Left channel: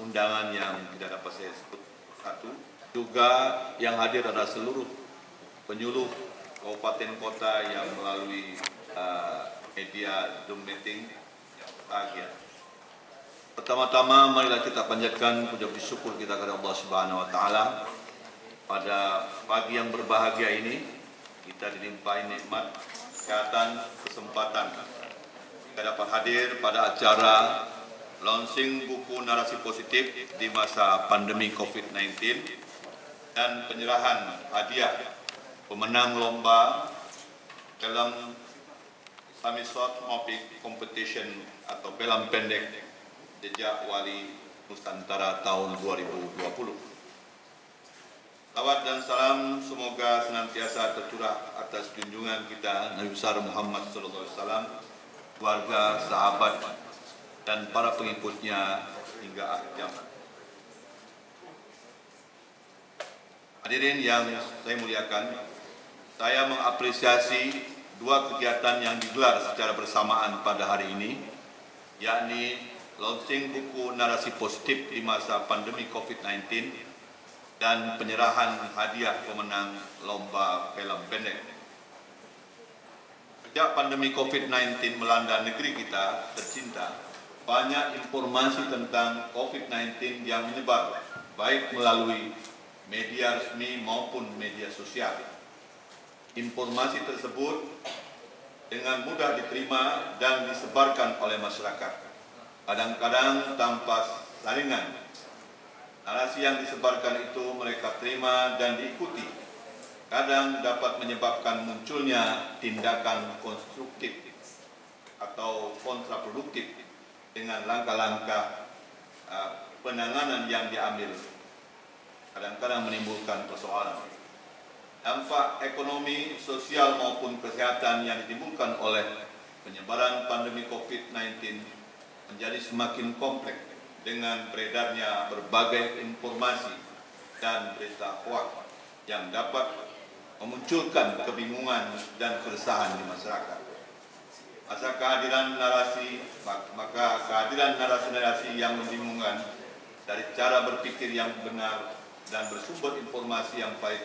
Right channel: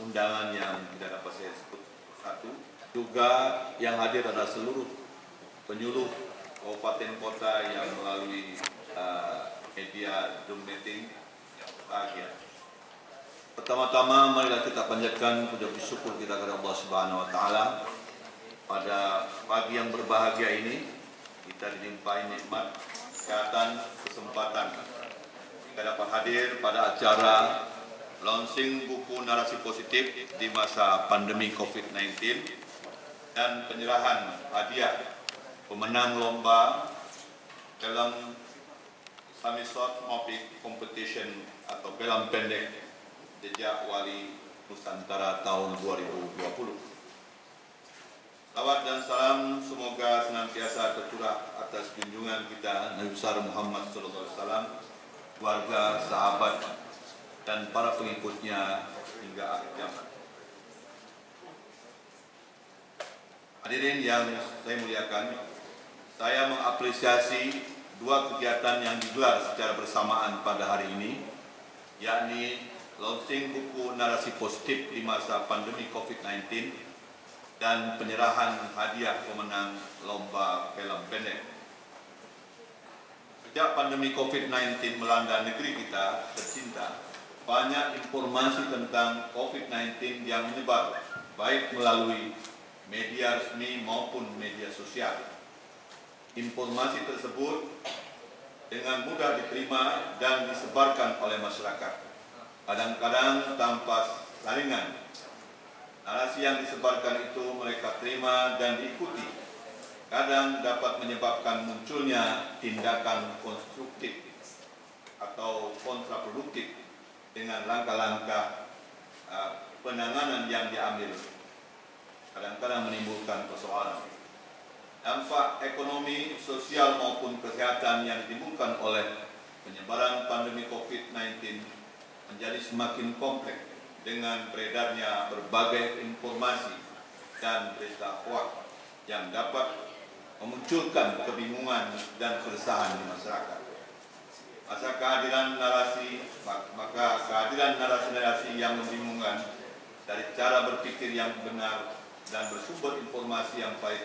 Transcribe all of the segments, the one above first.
undangan yang tidak dapat saya sebut satu. Juga yang hadir adalah seluruh penyuluh kabupaten kota yang melalui media Zoom meeting yang berbahagia. Pertama-tama marilah kita panjatkan puja syukur kita kepada Allah Subhanahu wa taala. Pada pagi yang berbahagia ini kita dilimpahi nikmat, kesehatan, kesempatan. Kita dapat hadir pada acara launching buku narasi positif di masa pandemi COVID-19 dan penyerahan hadiah pemenang lomba film Islamic Short Movie Competition atau film pendek Jejak Wali Nusantara tahun 2020. Salawat dan salam semoga senantiasa tercurah atas junjungan kita Nabi besar Muhammad SAW, keluarga, sahabat, dan para pengikutnya hingga akhir zaman. Hadirin yang saya muliakan, saya mengapresiasi dua kegiatan yang digelar secara bersamaan pada hari ini, yakni launching buku narasi positif di masa pandemi COVID-19 dan penyerahan hadiah pemenang lomba film pendek. Sejak pandemi COVID-19 melanda negeri kita tercinta, banyak informasi tentang COVID-19 yang menyebar, baik melalui media resmi maupun media sosial. Informasi tersebut dengan mudah diterima dan disebarkan oleh masyarakat, kadang-kadang tanpa saringan. Narasi yang disebarkan itu mereka terima dan diikuti. Kadang dapat menyebabkan munculnya tindakan konstruktif atau kontraproduktif dengan langkah-langkah penanganan yang diambil. Kadang-kadang menimbulkan persoalan. Dampak ekonomi, sosial maupun kesehatan yang ditimbulkan oleh penyebaran pandemi COVID-19 menjadi semakin kompleks dengan beredarnya berbagai informasi dan berita hoaks yang dapat memunculkan kebingungan dan keresahan di masyarakat. Maka kehadiran narasi-narasi yang membingungkan dari cara berpikir yang benar dan bersumber informasi yang baik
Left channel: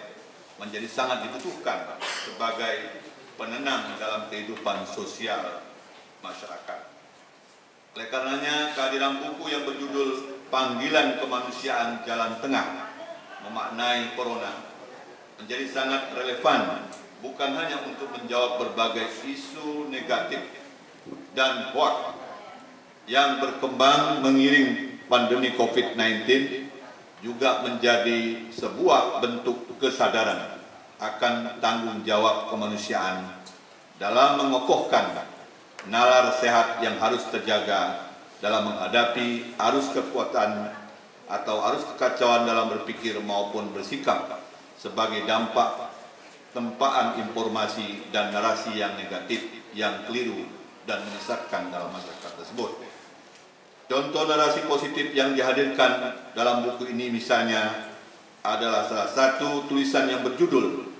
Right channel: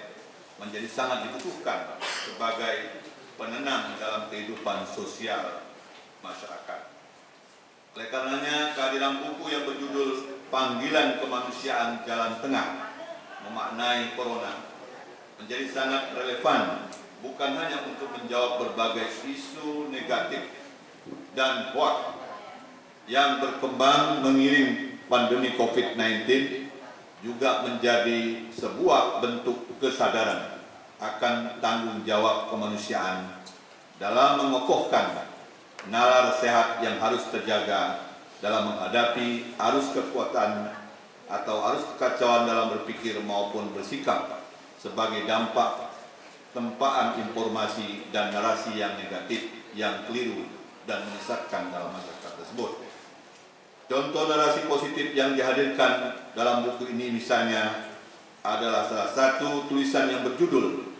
menjadi sangat dibutuhkan sebagai penenang dalam kehidupan sosial masyarakat. Oleh karenanya, kehadiran buku yang berjudul Panggilan Kemanusiaan Jalan Tengah Memaknai Corona menjadi sangat relevan, bukan hanya untuk menjawab berbagai isu negatif dan hoaks yang berkembang mengiring pandemi COVID-19, juga menjadi sebuah bentuk kesadaran akan tanggung jawab kemanusiaan dalam mengokohkan nalar sehat yang harus terjaga dalam menghadapi arus kekuatan atau arus kekacauan dalam berpikir maupun bersikap sebagai dampak tempaan informasi dan narasi yang negatif, yang keliru dan menyesatkan dalam masyarakat tersebut. Contoh narasi positif yang dihadirkan dalam buku ini misalnya adalah salah satu tulisan yang berjudul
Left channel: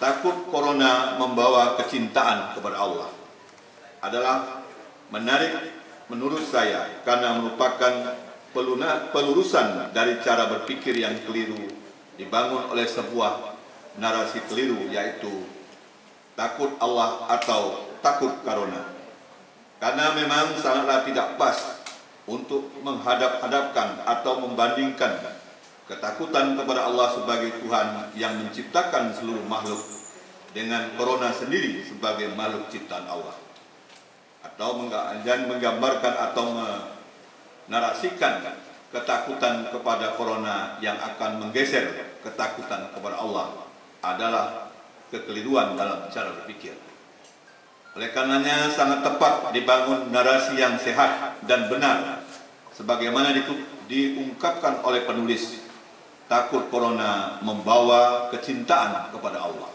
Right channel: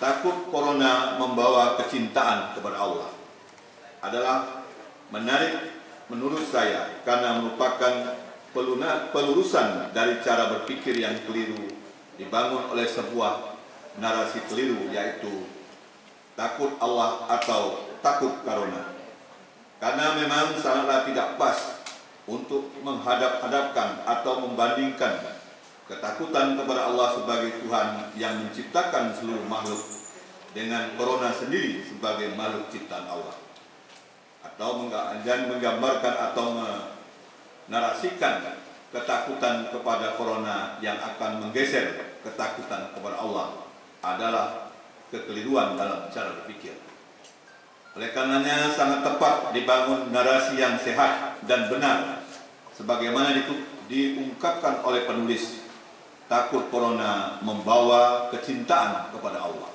Takut Corona Membawa Kecintaan Kepada Allah. Adalah menarik menurut saya karena merupakan pelurusan dari cara berpikir yang keliru dibangun oleh sebuah narasi keliru, yaitu takut Allah atau takut Corona. Karena memang sangatlah tidak pas untuk menghadap-hadapkan atau membandingkan ketakutan kepada Allah sebagai Tuhan yang menciptakan seluruh makhluk dengan Corona sendiri sebagai makhluk ciptaan Allah, atau menggambarkan atau menarasikan ketakutan kepada Corona yang akan menggeser ketakutan kepada Allah adalah kekeliruan dalam cara berpikir. Oleh karenanya sangat tepat dibangun narasi yang sehat dan benar sebagaimana diungkapkan oleh penulis, takut Corona membawa kecintaan kepada Allah.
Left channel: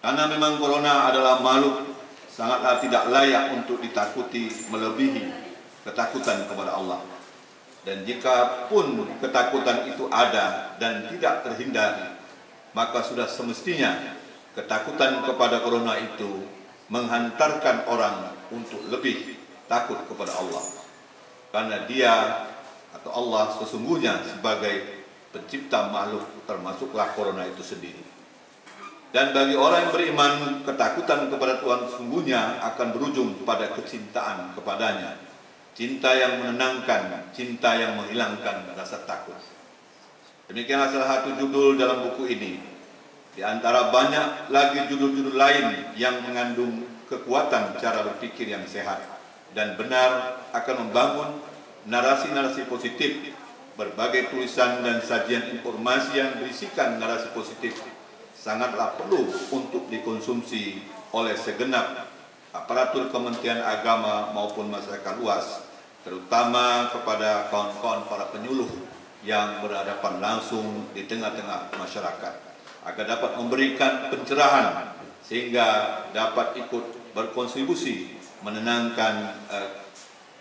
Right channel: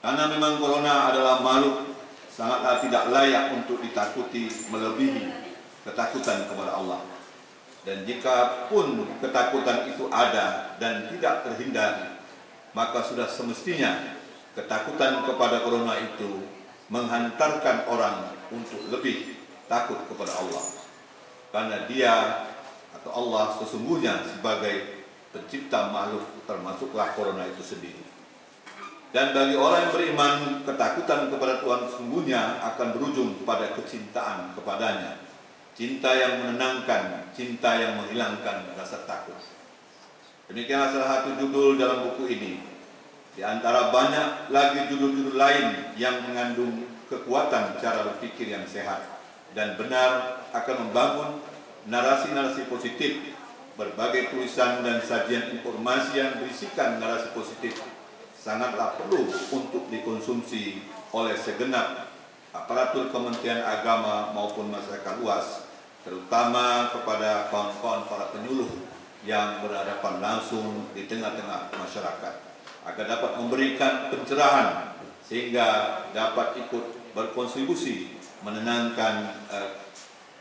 Karena memang Corona adalah makhluk sangatlah tidak layak untuk ditakuti melebihi ketakutan kepada Allah. Dan jika pun ketakutan itu ada dan tidak terhindari, maka sudah semestinya ketakutan kepada Corona itu menghantarkan orang untuk lebih takut kepada Allah. Karena dia atau Allah sesungguhnya sebagai pencipta makhluk, termasuklah corona itu sendiri. Dan bagi orang yang beriman, ketakutan kepada Tuhan sesungguhnya akan berujung pada kecintaan kepadanya. Cinta yang menenangkan, cinta yang menghilangkan rasa takut. Demikianlah salah satu judul dalam buku ini. Di antara banyak lagi judul-judul lain yang mengandung kekuatan cara berpikir yang sehat dan benar, akan membangun narasi-narasi positif. Berbagai tulisan dan sajian informasi yang berisikan narasi positif sangatlah perlu untuk dikonsumsi oleh segenap aparatur Kementerian Agama maupun masyarakat luas, terutama kepada kawan-kawan para penyuluh yang berhadapan langsung di tengah-tengah masyarakat, agar dapat memberikan pencerahan sehingga dapat ikut berkontribusi menenangkan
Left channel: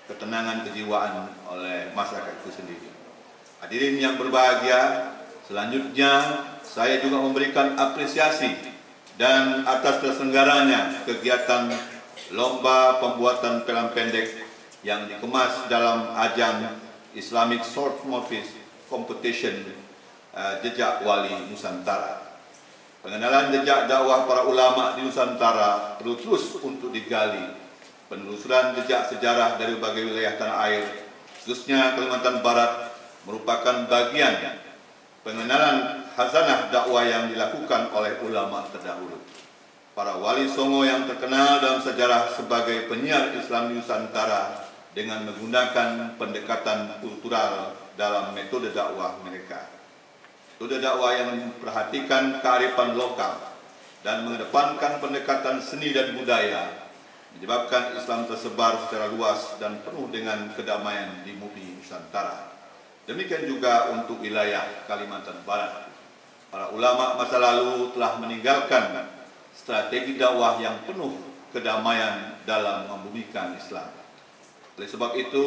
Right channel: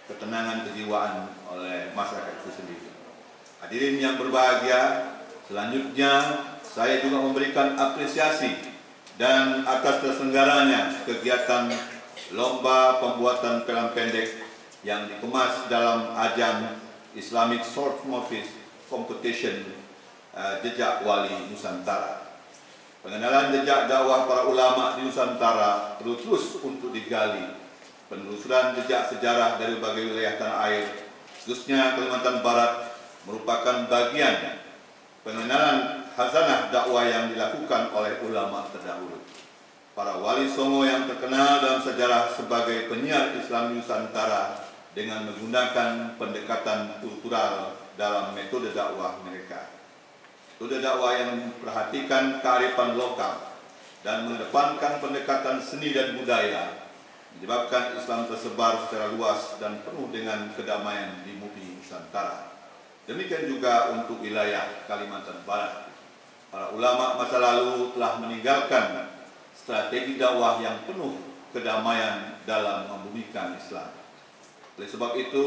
ketenangan kejiwaan oleh masyarakat itu sendiri. Hadirin yang berbahagia, selanjutnya saya juga memberikan apresiasi dan atas terselenggaranya kegiatan lomba pembuatan film pendek yang dikemas dalam ajang Islamic Short Movies Competition Jejak Wali Nusantara. Pengenalan jejak dakwah para ulama di Nusantara perlu terus untuk digali. Penelusuran jejak sejarah dari berbagai wilayah tanah air, khususnya Kalimantan Barat, merupakan bagian pengenalan khazanah dakwah yang dilakukan oleh ulama terdahulu. Para wali songo yang terkenal dalam sejarah sebagai penyiar Islam Nusantara dengan menggunakan pendekatan kultural dalam metode dakwah mereka. Metode dakwah yang memperhatikan kearifan lokal dan mengedepankan pendekatan seni dan budaya menyebabkan Islam tersebar secara luas dan penuh dengan kedamaian di bumi Nusantara. Demikian juga untuk wilayah Kalimantan Barat. Para ulama masa lalu telah meninggalkan strategi dakwah yang penuh kedamaian dalam membumikan Islam. Oleh sebab itu,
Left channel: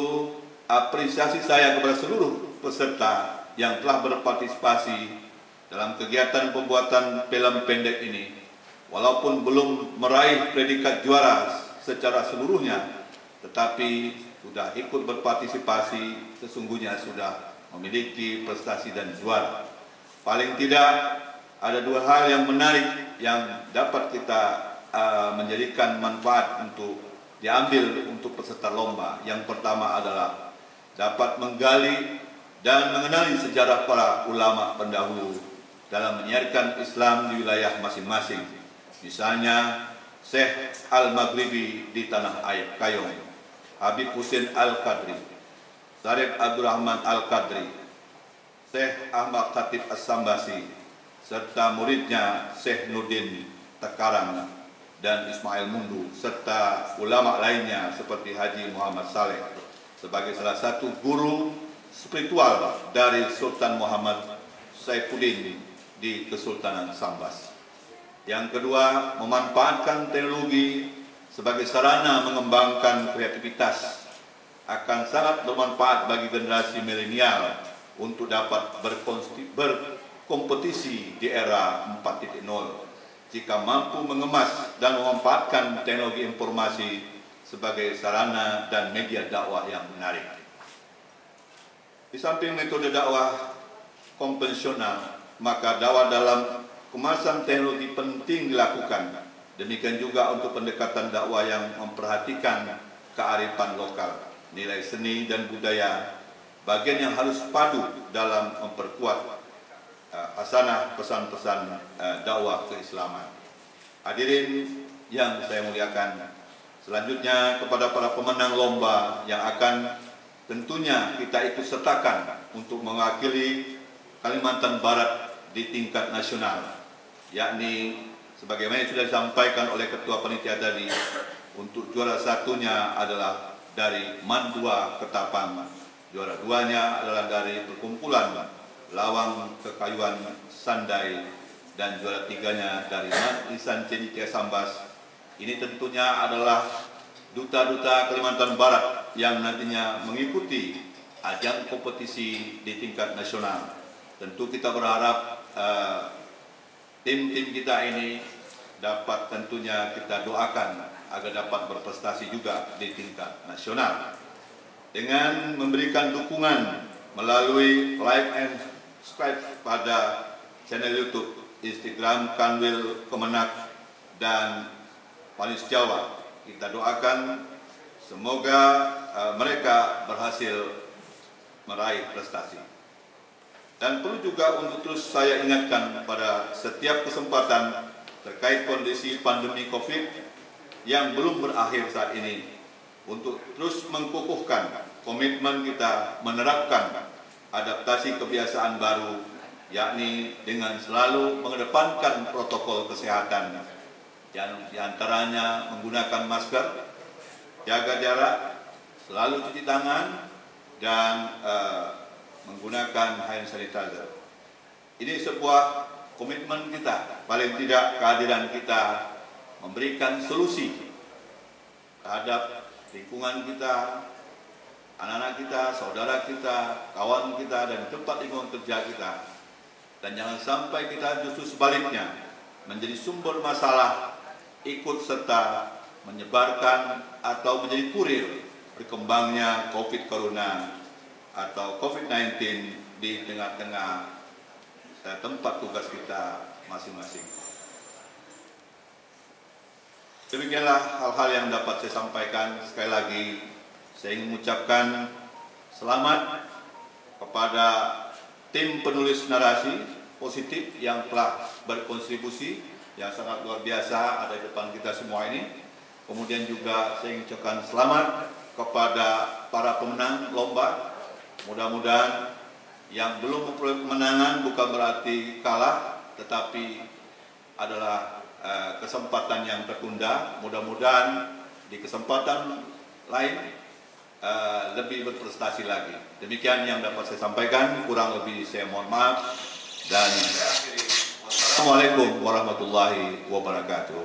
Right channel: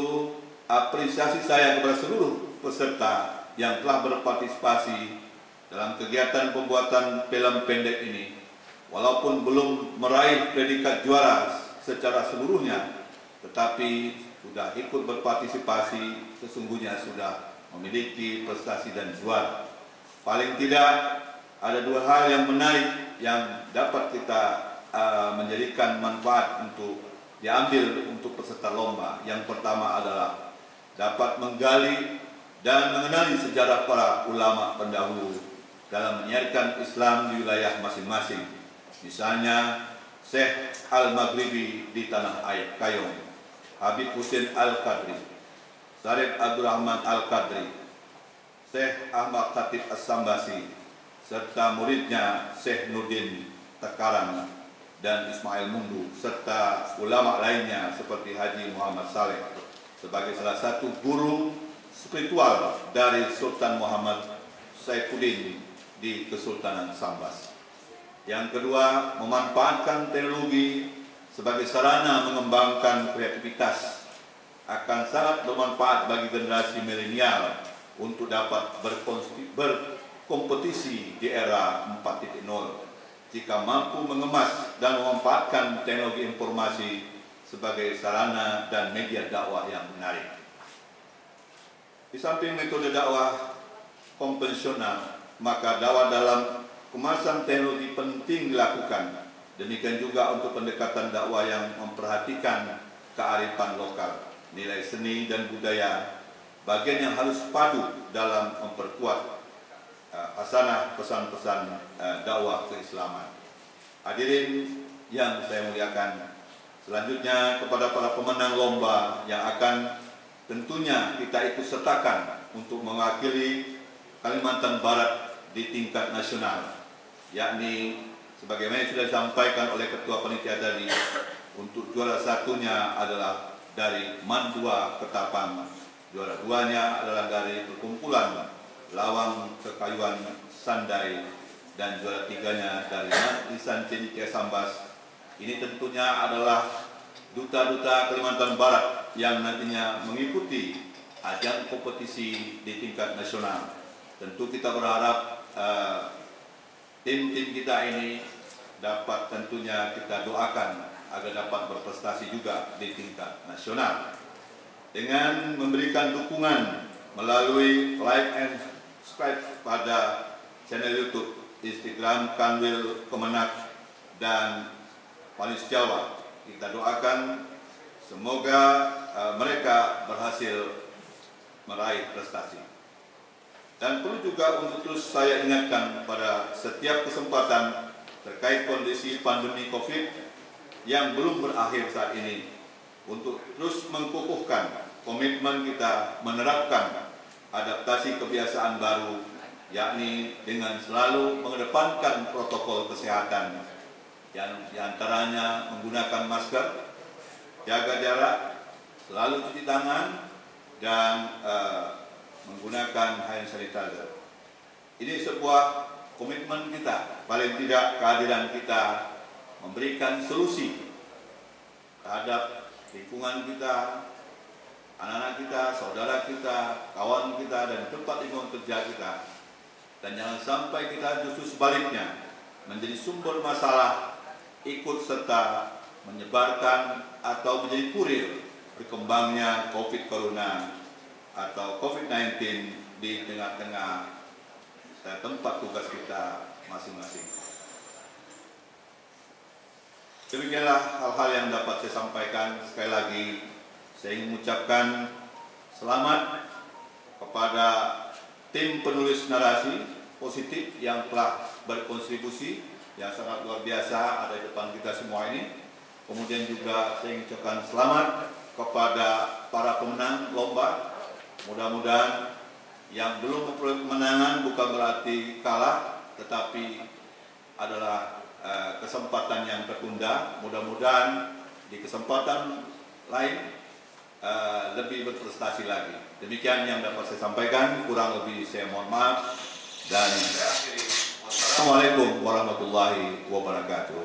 apresiasi saya kepada seluruh peserta yang telah berpartisipasi dalam kegiatan pembuatan film pendek ini, walaupun belum meraih predikat juara secara seluruhnya, tetapi sudah ikut berpartisipasi, sesungguhnya sudah memiliki prestasi dan juara. Paling tidak ada dua hal yang menarik yang dapat kita menjadikan manfaat untuk diambil untuk peserta lomba. Yang pertama adalah dapat menggali dan mengenali sejarah para ulama pendahulu dalam menyiarkan Islam di wilayah masing-masing. Misalnya Syekh Al-Maghribi di Tanah Air Kayong, Habib Husin Al-Qadri, Syarif Abdurrahman Al-Qadri, Syekh Ahmad Khatib As-Sambasi, serta muridnya Syekh Nurdin Tekarang dan Ismail Mundu, serta ulama lainnya seperti Haji Muhammad Saleh sebagai salah satu guru spiritual dari Sultan Muhammad Saifuddin di Kesultanan Sambas. Yang kedua, memanfaatkan teknologi sebagai sarana mengembangkan kreativitas akan sangat bermanfaat bagi generasi milenial untuk dapat berkompetisi di era 4.0 jika mampu mengemas dan memanfaatkan teknologi informasi sebagai sarana dan media dakwah yang menarik. Di samping metode dakwah konvensional, maka dakwah dalam kemasan teknologi penting dilakukan. Demikian juga untuk pendekatan dakwah yang memperhatikan kearifan lokal, nilai seni dan budaya, bagian yang harus padu dalam memperkuat hasanah pesan-pesan dakwah keislaman. Hadirin yang saya muliakan, selanjutnya kepada para pemenang lomba yang akan tentunya kita ikut sertakan untuk mewakili Kalimantan Barat di tingkat nasional, yakni sebagaimana sudah disampaikan oleh Ketua Panitia tadi, untuk juara satunya adalah dari Mandua Ketapang, juara duanya adalah dari perkumpulan Lawang Kekayuan Sandai, dan juara tiganya dari Lisan Cendikia Sambas. Ini tentunya adalah duta-duta Kalimantan Barat yang nantinya mengikuti ajang kompetisi di tingkat nasional. Tentu kita berharap tim-tim kita ini dapat tentunya kita doakan agar dapat berprestasi juga di tingkat nasional dengan memberikan dukungan melalui like and subscribe pada channel YouTube, Instagram Kanwil Kemenak dan Panis Jawa. Kita doakan semoga mereka berhasil meraih prestasi. Dan perlu juga untuk terus saya ingatkan pada setiap kesempatan terkait kondisi pandemi COVID yang belum berakhir saat ini, untuk terus mengukuhkan komitmen kita menerapkan adaptasi kebiasaan baru, yakni dengan selalu mengedepankan protokol kesehatan, yang diantaranya menggunakan masker, jaga jarak, selalu cuci tangan, dan menggunakan hand sanitizer. Ini sebuah komitmen kita, paling tidak kehadiran kita memberikan solusi terhadap lingkungan kita, anak-anak kita, saudara kita, kawan kita, dan tempat lingkungan kerja kita. Dan jangan sampai kita justru sebaliknya menjadi sumber masalah, ikut serta menyebarkan atau menjadi kurir berkembangnya COVID Corona atau COVID-19 di tengah-tengah tempat tugas kita masing-masing. Demikianlah hal-hal yang dapat saya sampaikan. Sekali lagi, saya ingin mengucapkan selamat kepada tim penulis narasi positif yang telah berkontribusi yang sangat luar biasa ada di depan kita semua ini. Kemudian juga saya ingin ucapkan selamat kepada para pemenang lomba. Mudah-mudahan yang belum memperoleh kemenangan bukan berarti kalah, tetapi adalah kesempatan yang tertunda. Mudah-mudahan di kesempatan lain lebih berprestasi lagi. Demikian yang dapat saya sampaikan, kurang lebih saya mohon maaf, dan Assalamualaikum warahmatullahi wabarakatuh.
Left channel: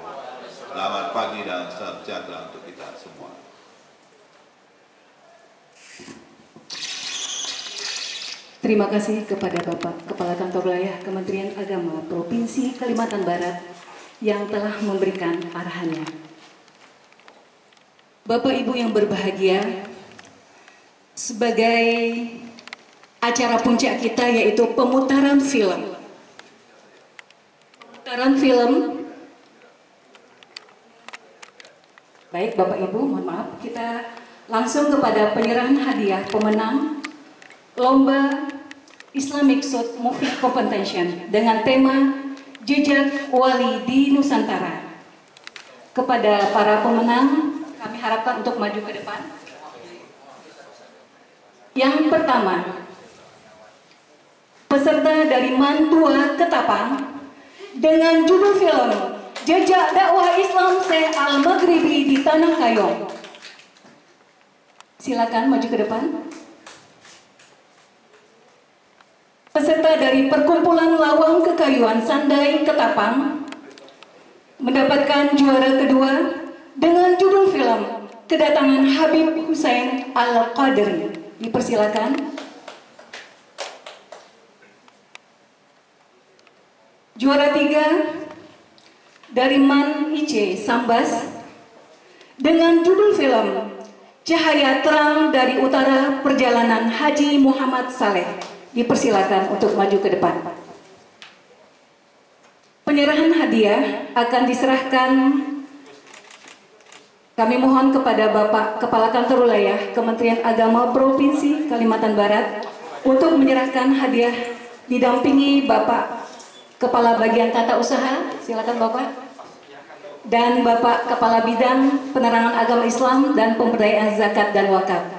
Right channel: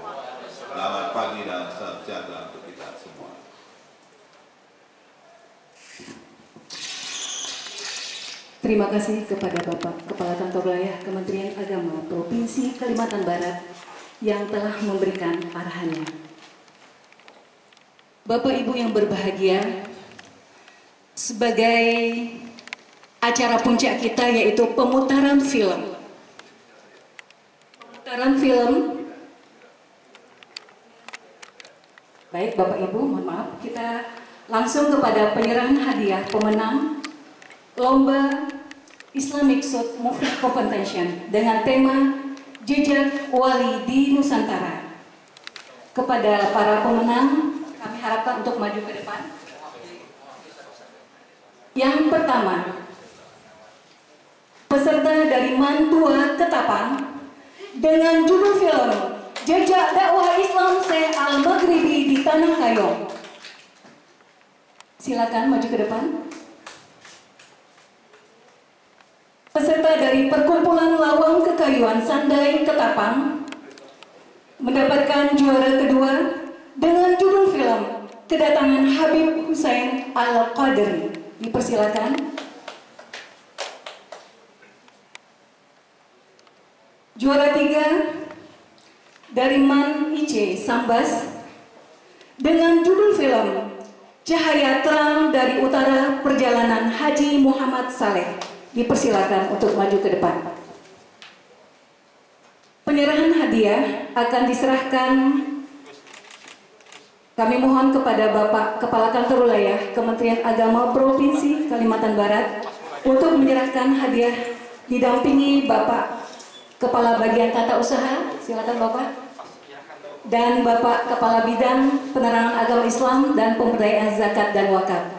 Selamat pagi dan salam sejahtera untuk kita semua. Terima kasih kepada Bapak Kepala Kantor Wilayah Kementerian Agama Provinsi Kalimantan Barat yang telah memberikan arahannya. Bapak Ibu yang berbahagia, sebagai acara puncak kita yaitu pemutaran film. Baik Bapak Ibu, mohon maaf, kita langsung kepada penyerahan hadiah pemenang Lomba Islamic Short Movie Competition dengan tema Jejak Wali di Nusantara. Kepada para pemenang, kami harapkan untuk maju ke depan. Yang pertama, peserta dari Mantua Ketapang dengan judul film Jejak Dakwah Islam Se Al-Maghribi di Tanah Kayong. Silakan maju ke depan. Peserta dari Perkumpulan Lawang Kekayuan Sandai Ketapang mendapatkan juara kedua dengan judul film Kedatangan Habib Hussein Al-Qadri. Dipersilakan. Juara tiga dari Man Ice Sambas dengan judul film Cahaya Terang dari Utara Perjalanan Haji Muhammad Saleh. Dipersilakan untuk maju ke depan. Penyerahan hadiah akan diserahkan, kami mohon kepada Bapak Kepala Kantor Wilayah Kementerian Agama Provinsi Kalimantan Barat untuk menyerahkan hadiah didampingi Bapak Kepala Bagian Tata Usaha, silakan Bapak, dan Bapak Kepala Bidang Penerangan Agama Islam dan Pemberdayaan Zakat dan Wakaf.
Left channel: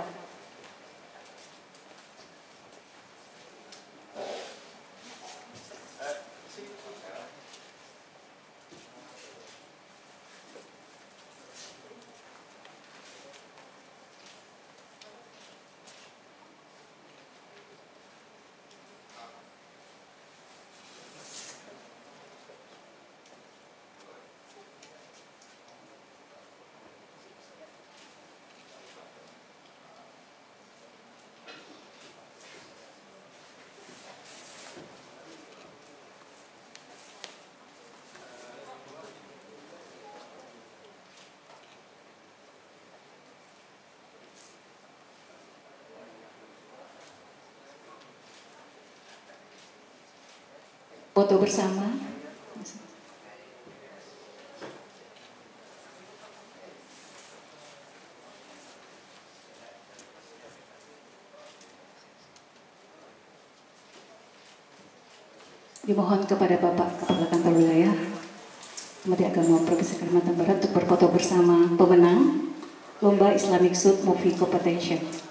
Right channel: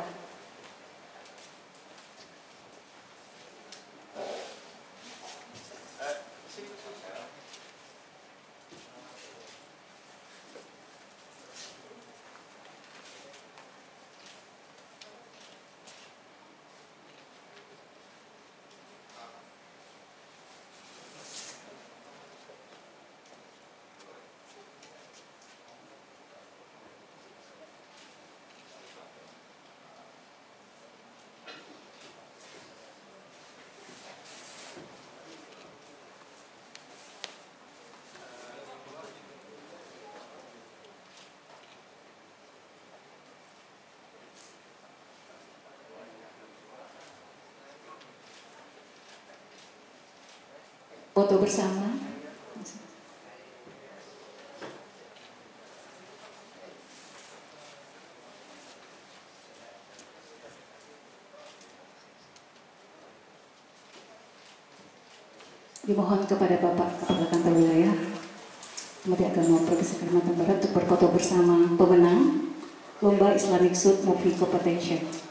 berfoto bersama. Dimohon kepada Bapak Kepala Kantor Wilayah Kementerian Agama Provinsi Kalimantan Barat untuk berfoto bersama pemenang Lomba Islamic Suit Movie Competition.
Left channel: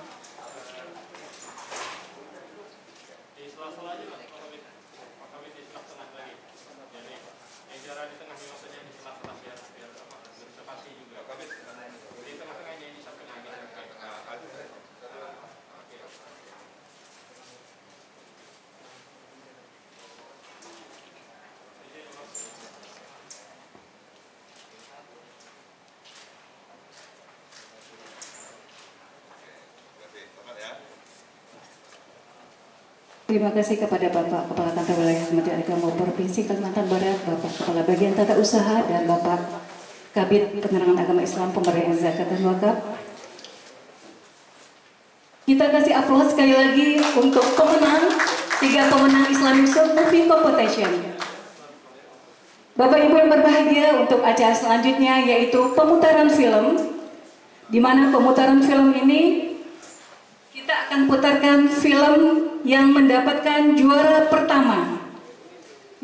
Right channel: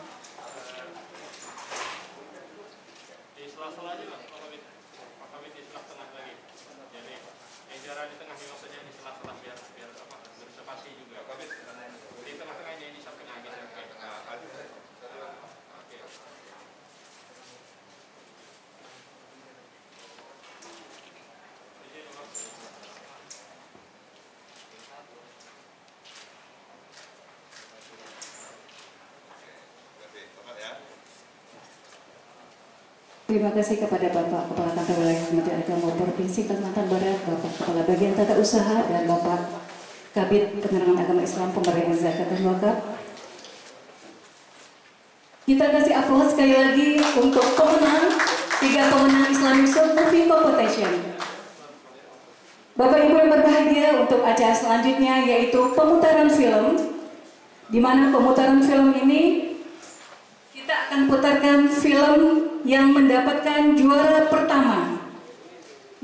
Terima kasih kepada Bapak Kepala Kantor Wilayah Kementerian Agama Provinsi Kalimantan Barat, Bapak Kepala Bagian Tata Usaha, dan Bapak Kabid Penerangan Agama Islam Pemberian Zakat dan Wakaf. Kita kasih aplaus sekali lagi untuk pemenang, 3 pemenang Islamic Suit Movie Competition. Bapak Ibu yang berbahagia, untuk acara selanjutnya yaitu pemutaran film, di mana pemutaran film ini kita akan putarkan film yang mendapatkan juara pertama,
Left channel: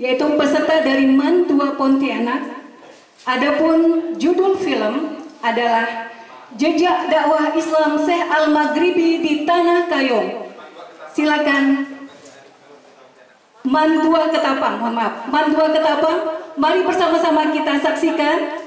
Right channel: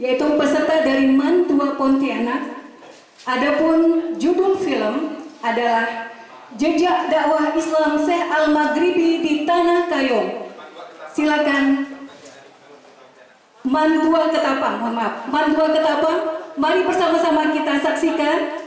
yaitu peserta dari Mantua Pontianak. Adapun judul film adalah Jejak Dakwah Islam Syekh Al-Maghribi di Tanah Kayong. Silakan Mantua Ketapang, mohon maaf, Mantua Ketapang. Mari bersama-sama kita saksikan.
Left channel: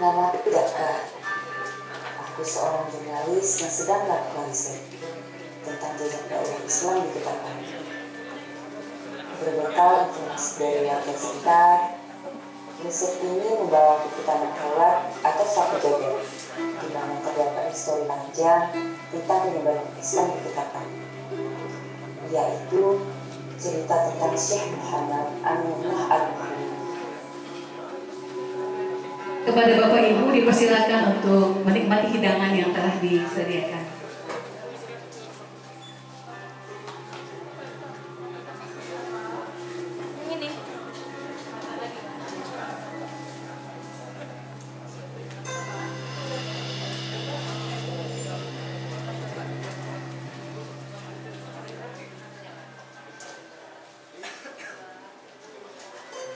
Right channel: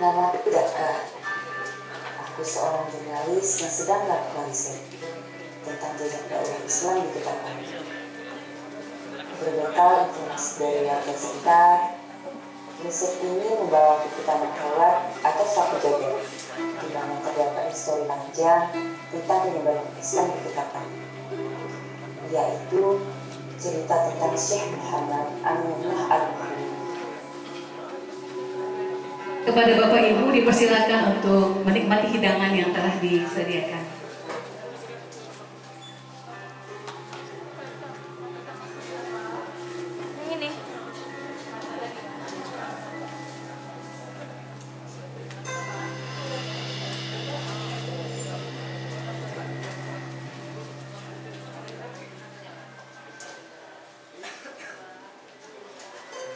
Nama tidakkah aku seorang jurnalis yang sedang melakukan riset tentang jejak dakwah Islam di Ketapang. Berbekal informasi dari warga sekitar, riset ini membawa ke tanah Kawat atau Sapu Jagat, di mana terdapat histori panjang tentang penyebaran Islam di Ketapang, yaitu cerita tentang Syekh Muhammad Aminullah Al-Bukhari. Kepada Bapak Ibu dipersilakan untuk menikmati hidangan yang telah disediakan.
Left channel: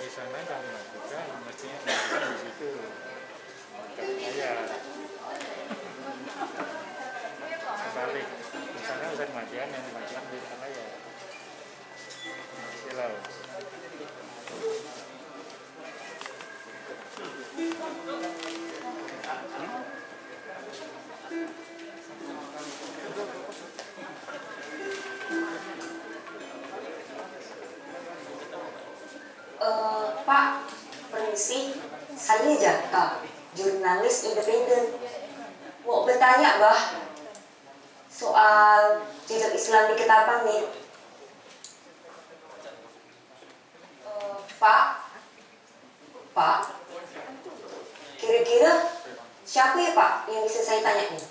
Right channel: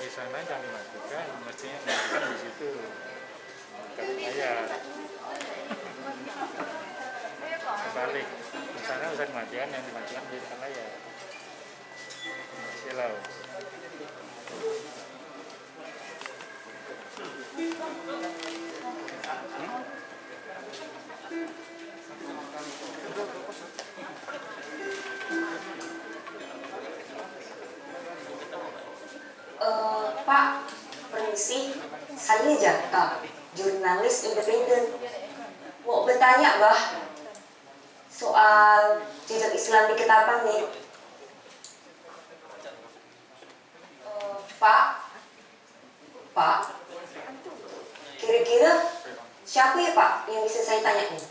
Di sana kami lakukan, mestinya melakukan di situ layar balik di sana Ustaz Madian yang dilakukan di layar silau. Pak, permisi, saya Jaka, jurnalis independen. Mau bertanya, Bah, soal jejak Islam di Ketapang nih. Pak, kira-kira siapa ya Pak yang bisa saya tanya nih?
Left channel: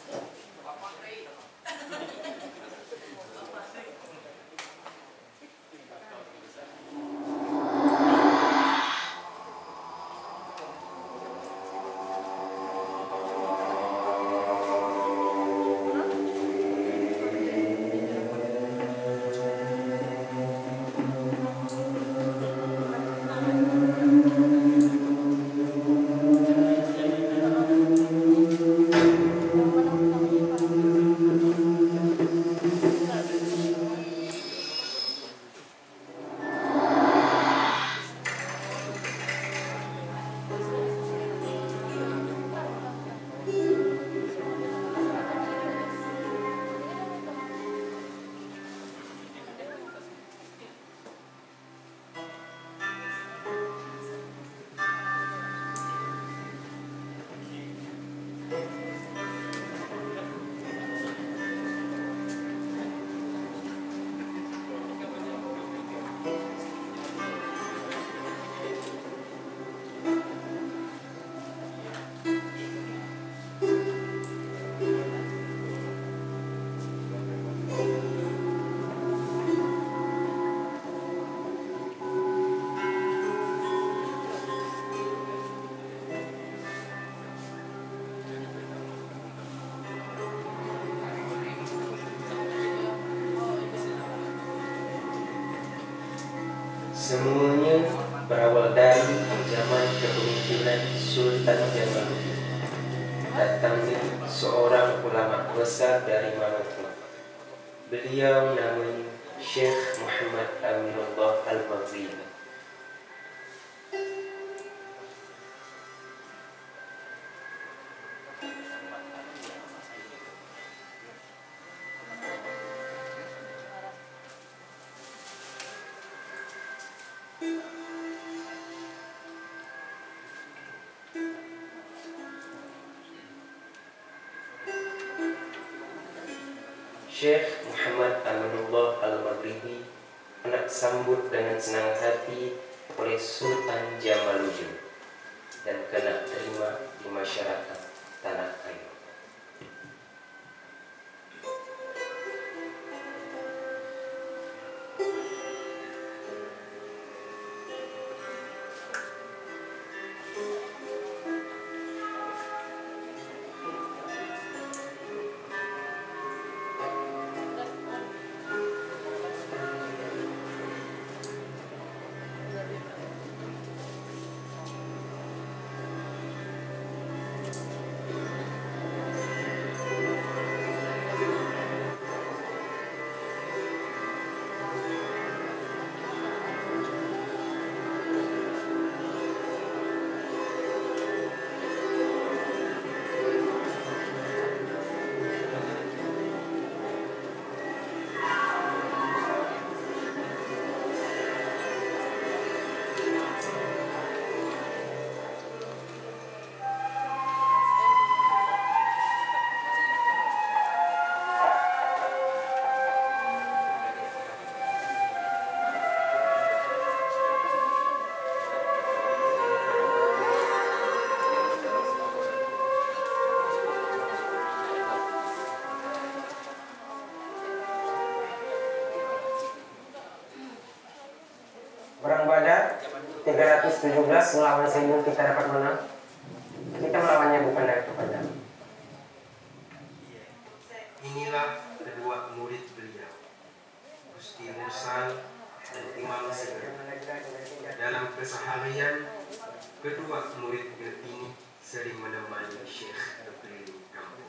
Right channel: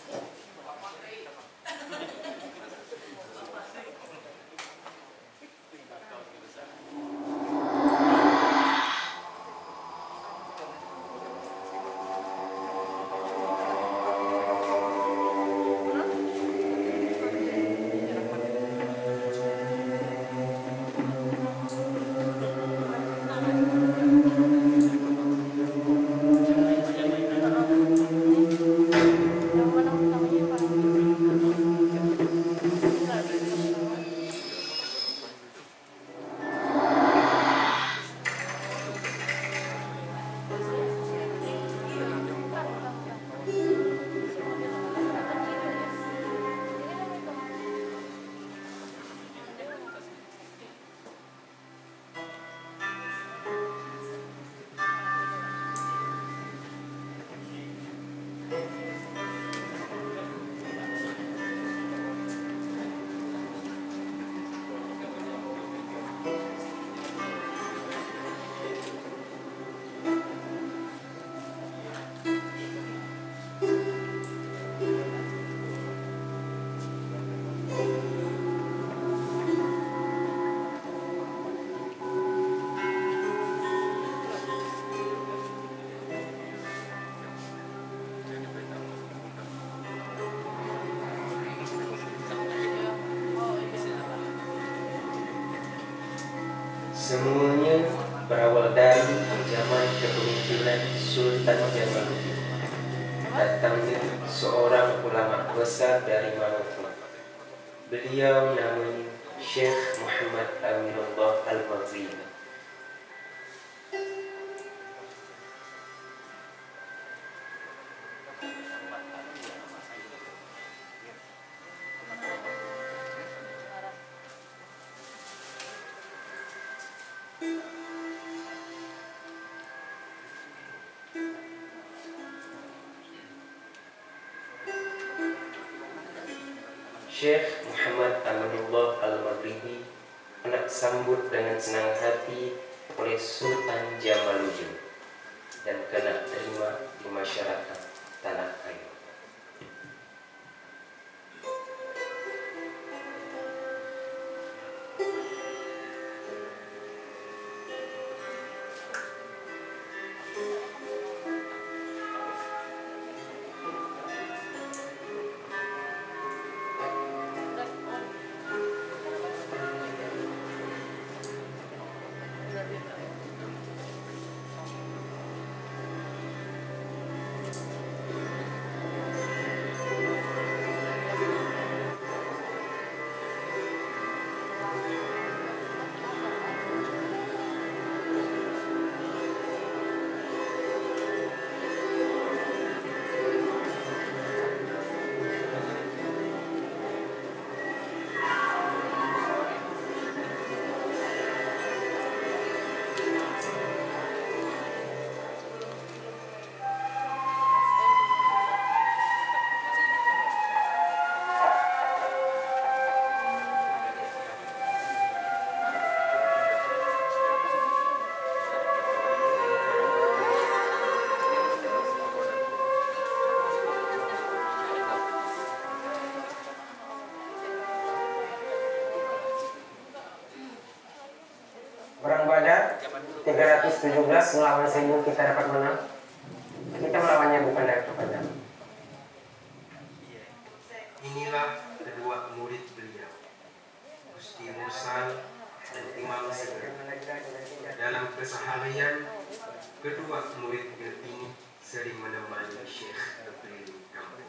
Semuanya berawal dari zaman kepemimpinan Sultan Jamaluddin. Datangnya seorang ulama besar dari Maluku. Beliau namanya Syekh Muhammad Aminullah Al-Maghribi. Syekh Muhammad Aminullah Al-Maghribi anak sambut dengan senang hati oleh Sultan Jamaluddin dan kena terima di masyarakat Tanah Air. Perang Badar 317 melawan 1000 kita dapat menang. Kita melawannya bukan dari kepada. Inilah kedua murid beliau, Gusti Mursal dan Imam Segera. Dalam keseharian, kedua murid ini sering menemani Syekh berkeliling kampung.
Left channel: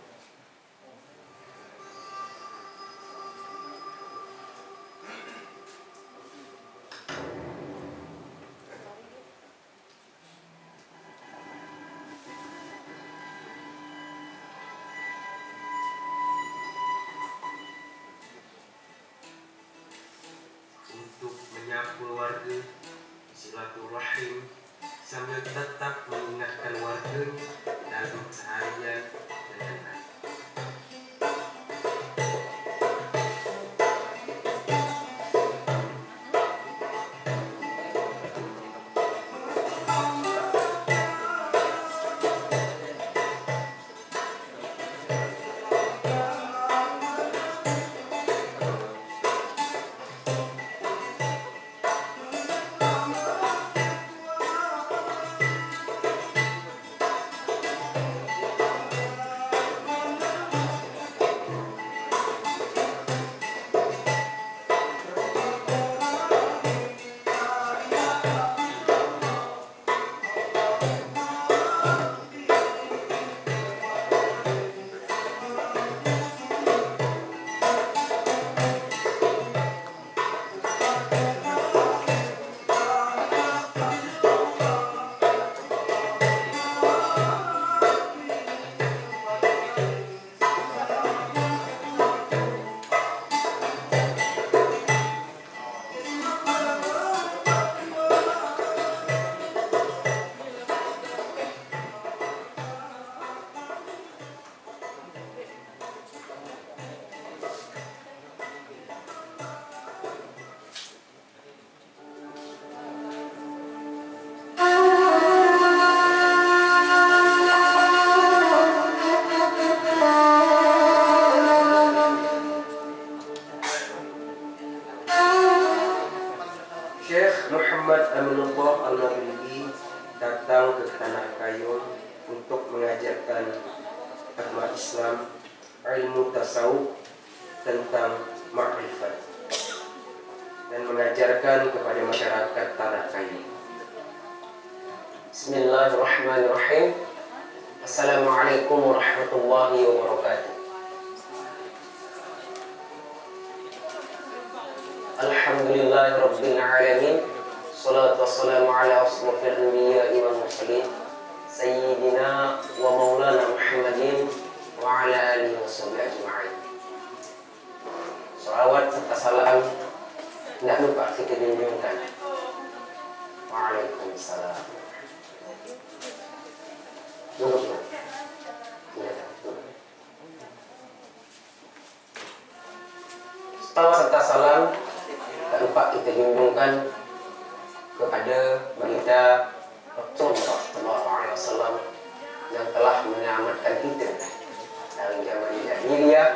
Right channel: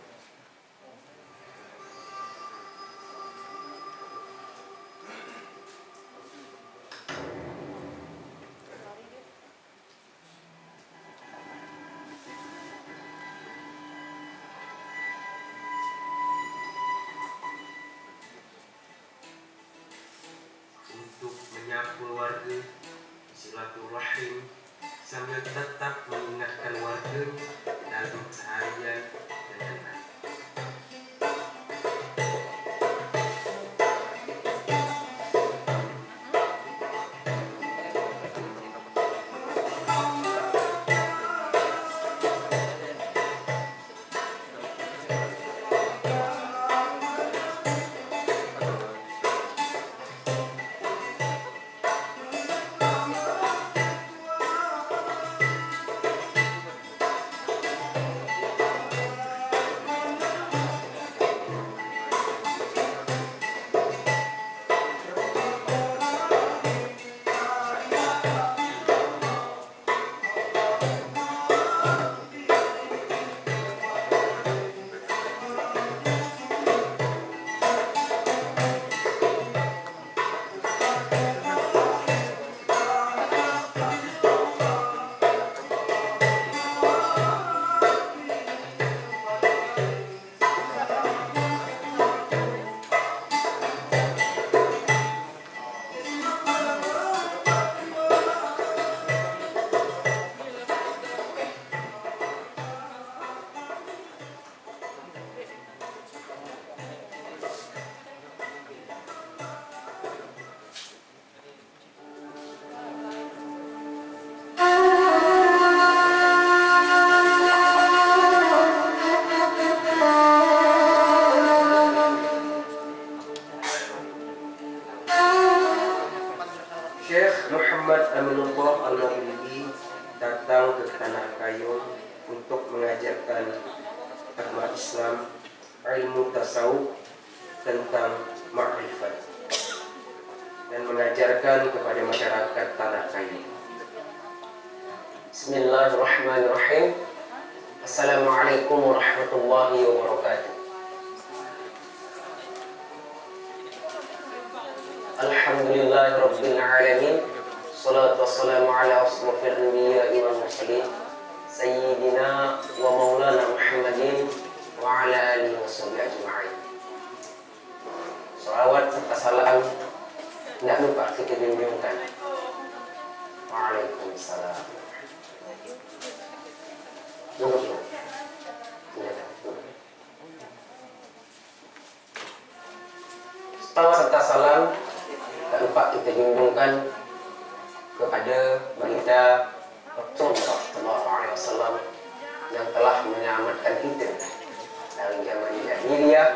Untuk menyapa keluarga, silaturahim, sambil tetap mengingatkan warganya dalam keseharian dan lain-lain. Syekh Muhammad Aminullah Al-Maghribi datang ke Tanah Kayong untuk mengajarkan agama Islam, ilmu tasawuf tentang ma'rifat. dan mengajarkan kepada masyarakat tanah kayu. Bismillahirrahmanirrahim. Assalamualaikum warahmatullahi wabarakatuh. Alhamdulillahirabbil alamin. Salatu wassalamu ala asrofil anbiya'i wal mursalin sayyidina wa maulana Muhammadin wa ala alihi washabihi ajma'in. Salawat serta salam tidak lupa kita junjungkan. Waalaikumsalam. Duduk. Salawat serta salam tak lupa kita junjungkan kepada baginda Rasulullah SAW yang telah menyelamatkan kita dari zaman jahiliyah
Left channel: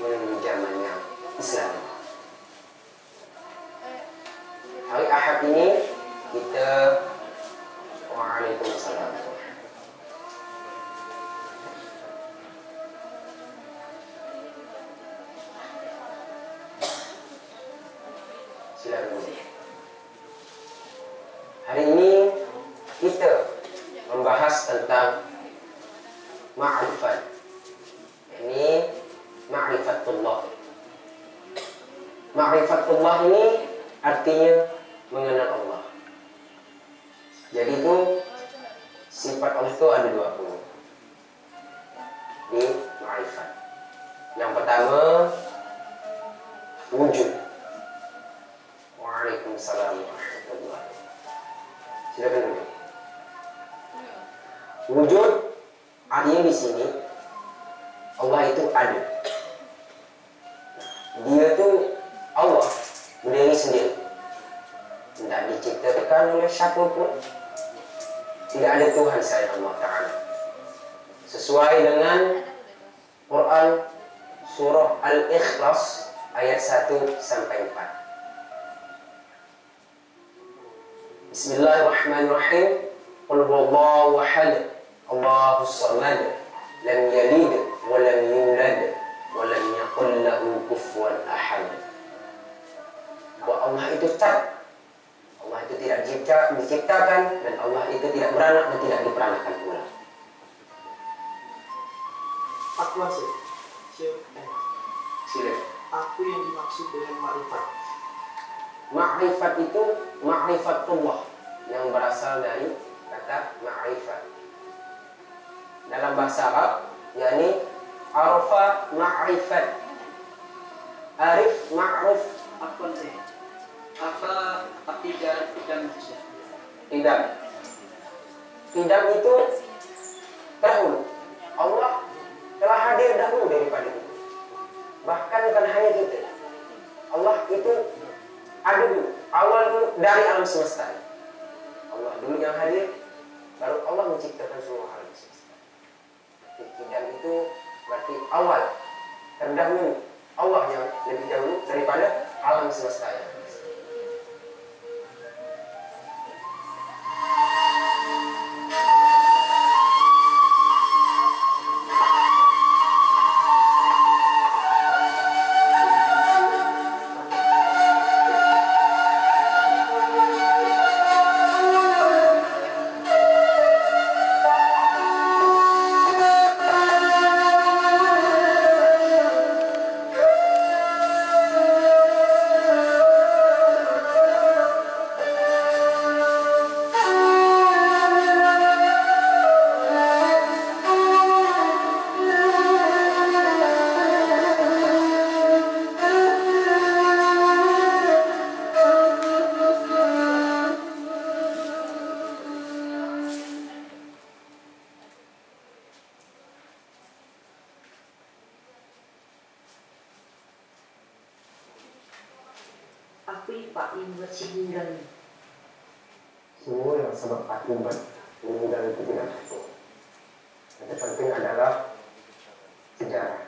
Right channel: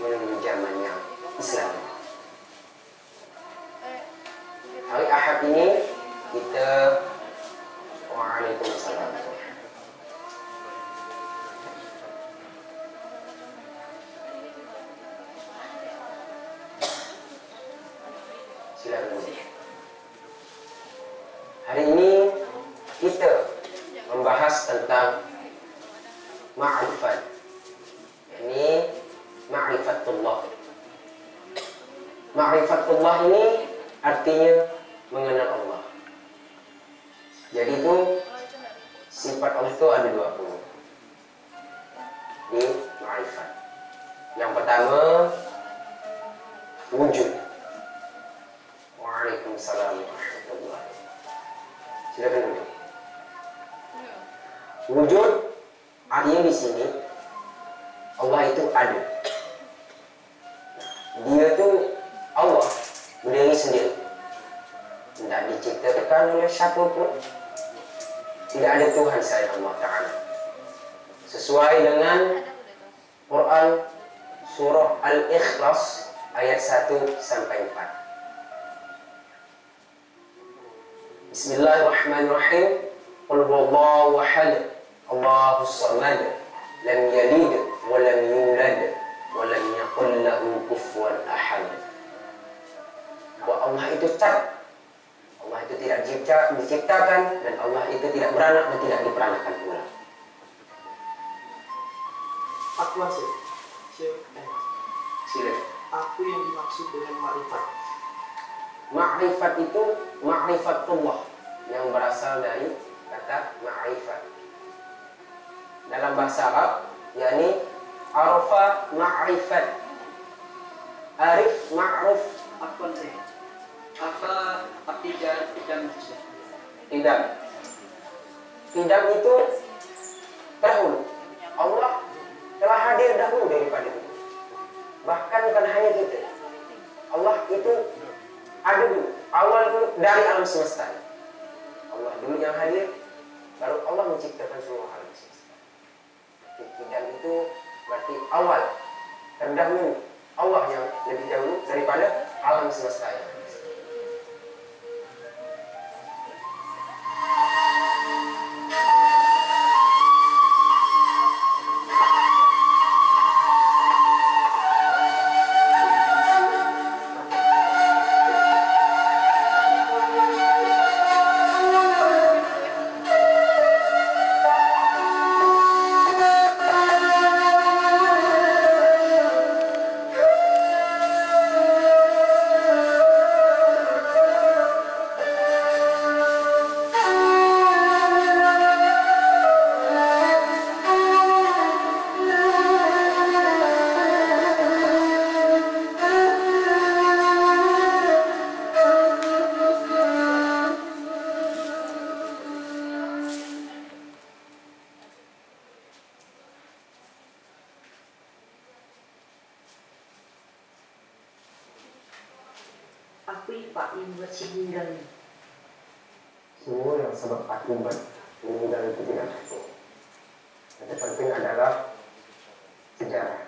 menuju zaman yang Islam. Hari Ahad ini kita Waalaikumsalam. Silakan. Hari ini kita membahas tentang ma'rifat. Ini ma'rifatullah. Ma'rifatullah ini artinya mengenal Allah. Jadi itu sifat Allah itu ada 20 di ma'rifat. Yang pertama wujud. Waalaikumsalam warahmatullahi. Silakan dulu. Wujud artinya di sini Allah itu ada. Dia itu Allah berdiri sendiri, tidak diciptakan oleh siapapun. Tidak ada Tuhan selain Allah Ta'ala. Sesuai dengan Quran surah Al-Ikhlas ayat 1 sampai 4. Bismillahirrahmanirrahim. Qul huwallahu ahad, Allahus samad, lam yalid wa lam yulad wa lam yakul lahu kufuwan ahad. Bahwa Allah itu cat. Allah itu tidak diciptakan dan Allah itu tidak beranak dan tidak diperanakan pula. Aku Sila. Apa yang dimaksud dengan ma'rifat? Ma'rifat itu ma'rifatullah yang berasal dari kata ma'rifat. Dalam bahasa Arab, yakni arafa ma'rifat. Arif ma'ruf. Apa arti idam itu? Idam itu dahulu. Allah telah hadir dahulu daripada itu. Bahkan bukan hanya kita. Allah itu ada dulu. Awal dulu dari alam semesta. Allah dulu yang hadir, baru Allah menciptakan semua alam semesta. Idam itu berarti awal, terdahulu. Allah yang lebih dahulu daripada alam semesta yang Apa Pak yang buat si meninggal ini? semua yang sebab akibat meninggal itu tidak penting. Yang penting adalah sejarah.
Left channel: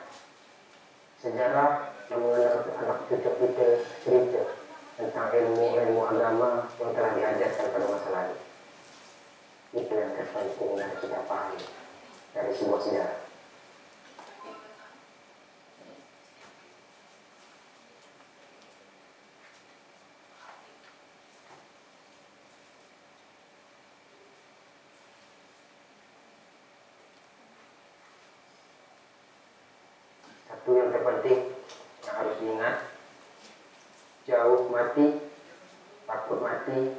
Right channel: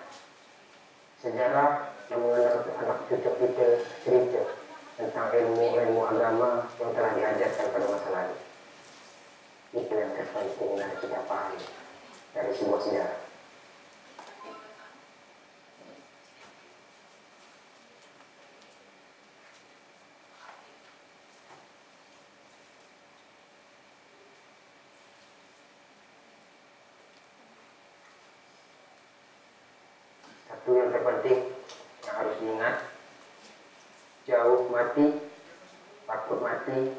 Sejarah yang mengenal anak cucu kita cerita tentang ilmu agama yang telah diajarkan pada masa lalu. Itu yang terpenting yang kita pahami dari sebuah sejarah. Satu yang terpenting yang harus diingat, jauh mati, takut mati,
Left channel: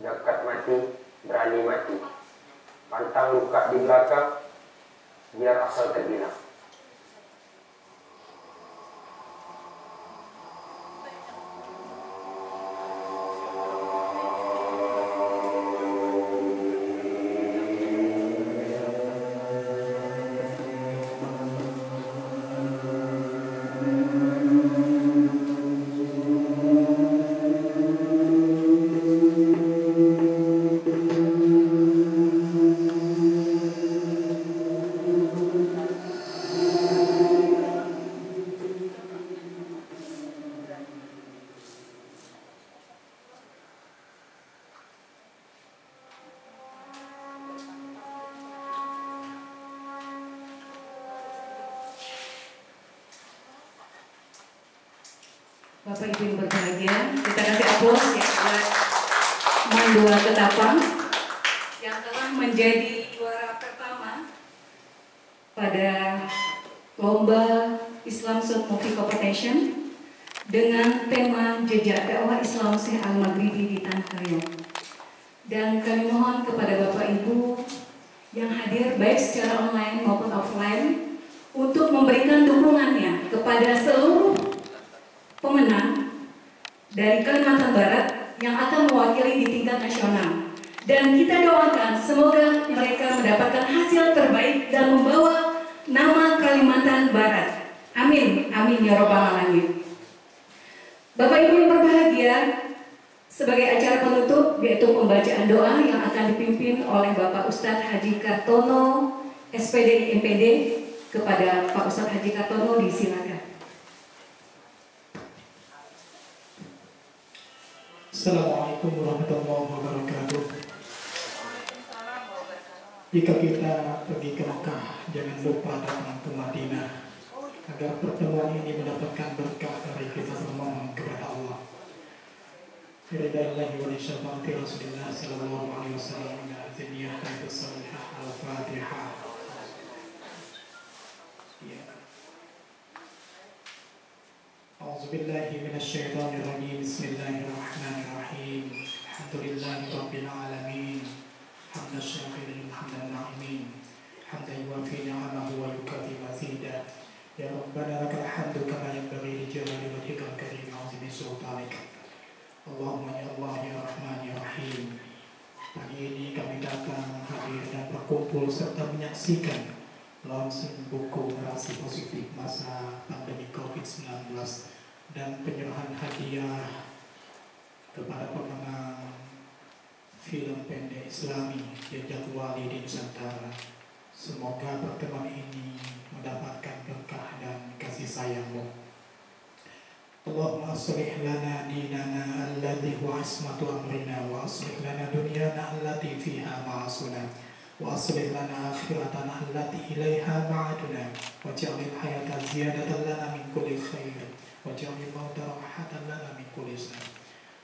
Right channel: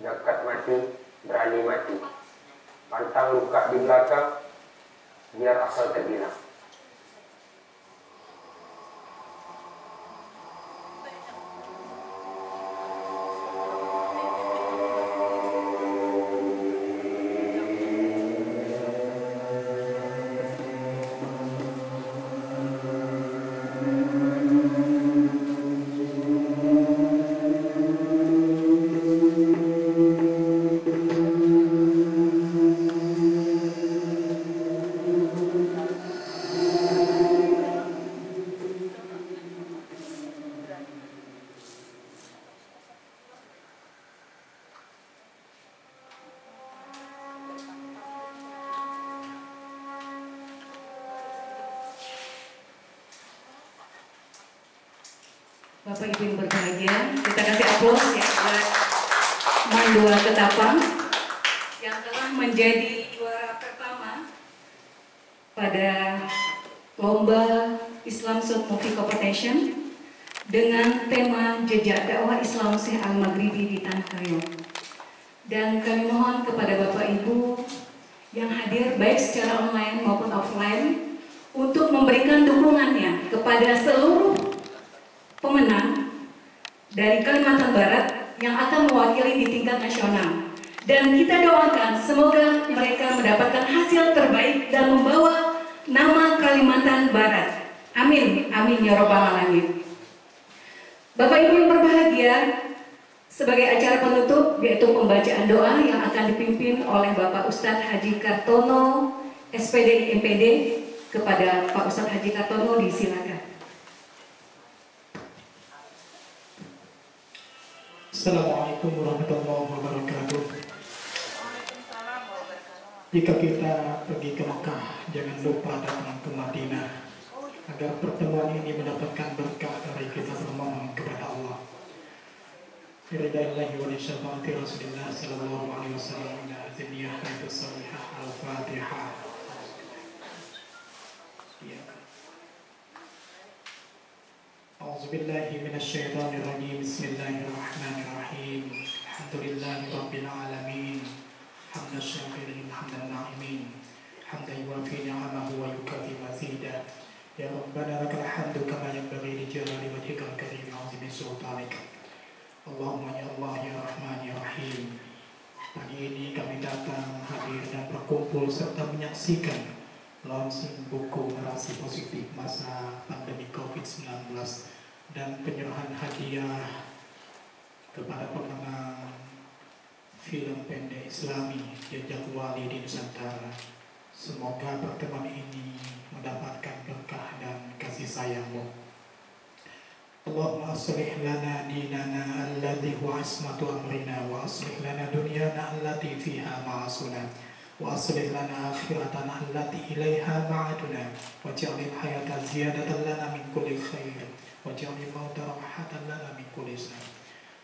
dekat mati, berani mati. Pantang luka di belakang, biar asal terbilang. Bapak Ibu yang berbahagia, kita kasih aplaus ya buat Mandua Ketapang yang telah menjadi juara pertama pada lomba Islam Short Movie Competition dengan tema Jejak Dakwah Islam Syekh Al-Maghribi di Tanah Kayong. Dan kami mohon kepada Bapak Ibu yang hadir baik secara online maupun offline untuk memberikan dukungannya kepada seluruh pemenang dari Kalimantan Barat yang akan mewakili di tingkat nasional. Dan kita doakan semoga mereka mendapatkan hasil terbaik dan membawa nama Kalimantan Barat. Amin, amin ya robbal alamin. Bapak Ibu yang berbahagia, sebagai acara penutup yaitu pembacaan doa yang akan dipimpin oleh Bapak Ustadz Haji Kartono, SPD MPD. Kepada Pak Ustadz Haji Kartono disilakan. Assalamualaikum warahmatullahi wabarakatuh. Jika kita pergi ke Mekah, jangan lupa datang ke Madinah agar pertemuan ini mendapatkan berkah dari kita memohon kepada Allah. Ridaillahi wa syafaati Rasulillah sallallahu alaihi wasallam ila hadiyah salihah al-Fatihah. A'udzubillahi minasyaitonir rajim. Bismillahirrahmanirrahim. Alhamdulillahi rabbil alamin. Hamdan syakirin, hamdan na'imin. Hamdan yuwafi ni'amahu wa yukafi mazidah. Ya Rabbana lakal hamdu kama yanbaghi li jalali wajhikal karim wa 'azimi sultanik. Allahumma ya Allah ya Rahman ya Rahim. Pagi ini kami datang hadir dan berkumpul serta menyaksikan launching buku Narasi Positif Masa Pandemi COVID-19 dan penyerahan hadiah kepada pemenang film pendek Islami Jejak Wali di Nusantara. Semoga pertemuan ini mendapatkan berkah dan kasih sayang-Mu. Allahumma aslih lana dinana alladhi huwa ismatu amrina wa aslih lana dunyana allati fiha ma'asuna wa aslih lana akhiratana allati ilaiha ma'aduna waj'alil hayata ziyadatan lana min kulli khair waj'alil mauta rahatan lana min kulli syarr.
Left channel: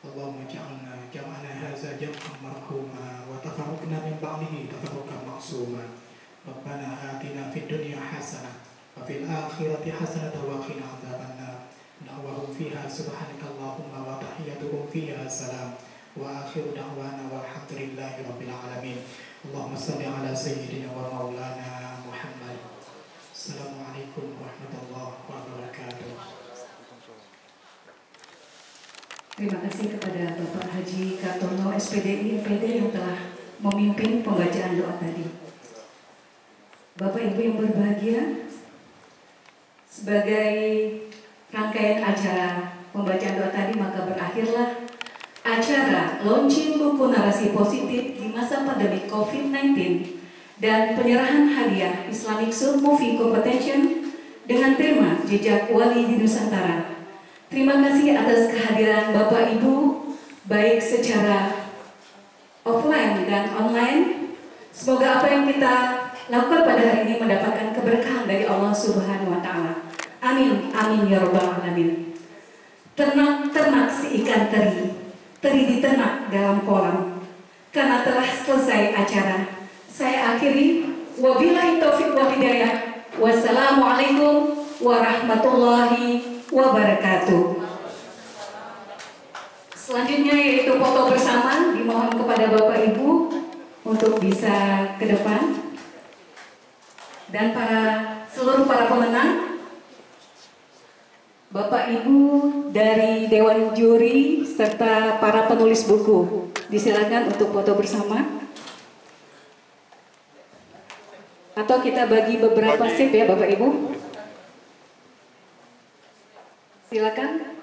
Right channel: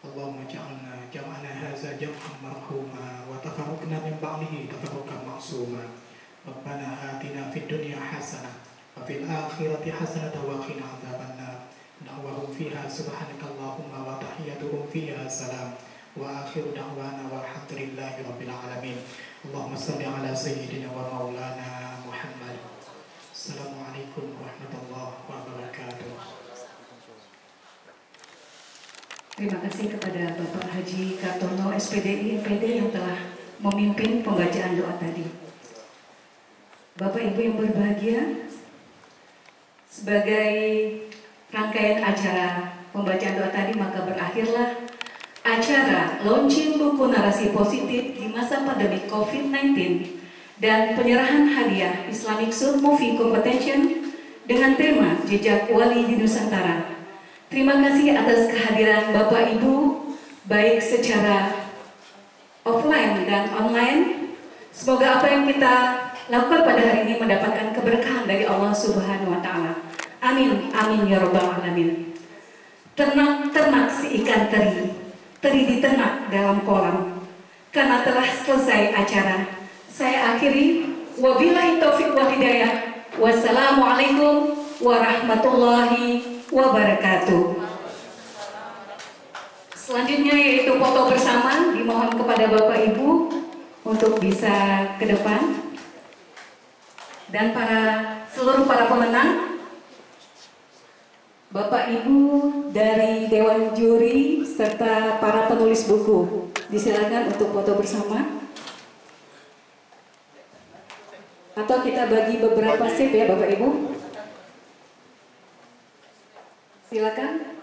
Allahumma ja'alna jam'ana hadza jam'an marhuma wa tafarraqna min ba'dihi tafarruqan ma'suma. Rabbana atina fid dunya hasanah wa fil akhirati hasanah wa qina adzabannar. Da'wahum fiha subhanakallahumma wa tahiyyatuhum fiha salam wa akhiru da'wana walhamdulillahi rabbil alamin. Allahumma salli ala sayyidina wa maulana Muhammad. Assalamualaikum warahmatullahi wabarakatuh. Terima kasih kepada Bapak Haji Kartono SPD MPD yang telah memimpin pembacaan doa tadi. Bapak Ibu yang berbahagia, sebagai rangkaian acara pembacaan doa tadi maka berakhirlah acara launching buku Narasi Positif di masa pandemi COVID-19 dan penyerahan hadiah Islamic Short Movie Competition dengan tema Jejak Wali di Nusantara. Terima kasih atas kehadiran Bapak Ibu baik secara offline dan online. Semoga apa yang kita lakukan pada hari ini mendapatkan keberkahan dari Allah Subhanahu wa Ta'ala. Amin, amin ya robbal alamin. Ternak si ikan teri di ternak dalam kolam. Karena telah selesai acara, saya akhiri. Wabillahi taufiq wal hidayah. Wassalamualaikum warahmatullahi wabarakatuh. Selanjutnya yaitu foto bersama, dimohon kepada Bapak Ibu untuk bisa ke depan. Dan seluruh para pemenang, Bapak Ibu dari Dewan Juri serta para penulis buku, disilakan untuk foto bersama. Atau kita bagi beberapa sip ya Bapak Ibu. Silakan.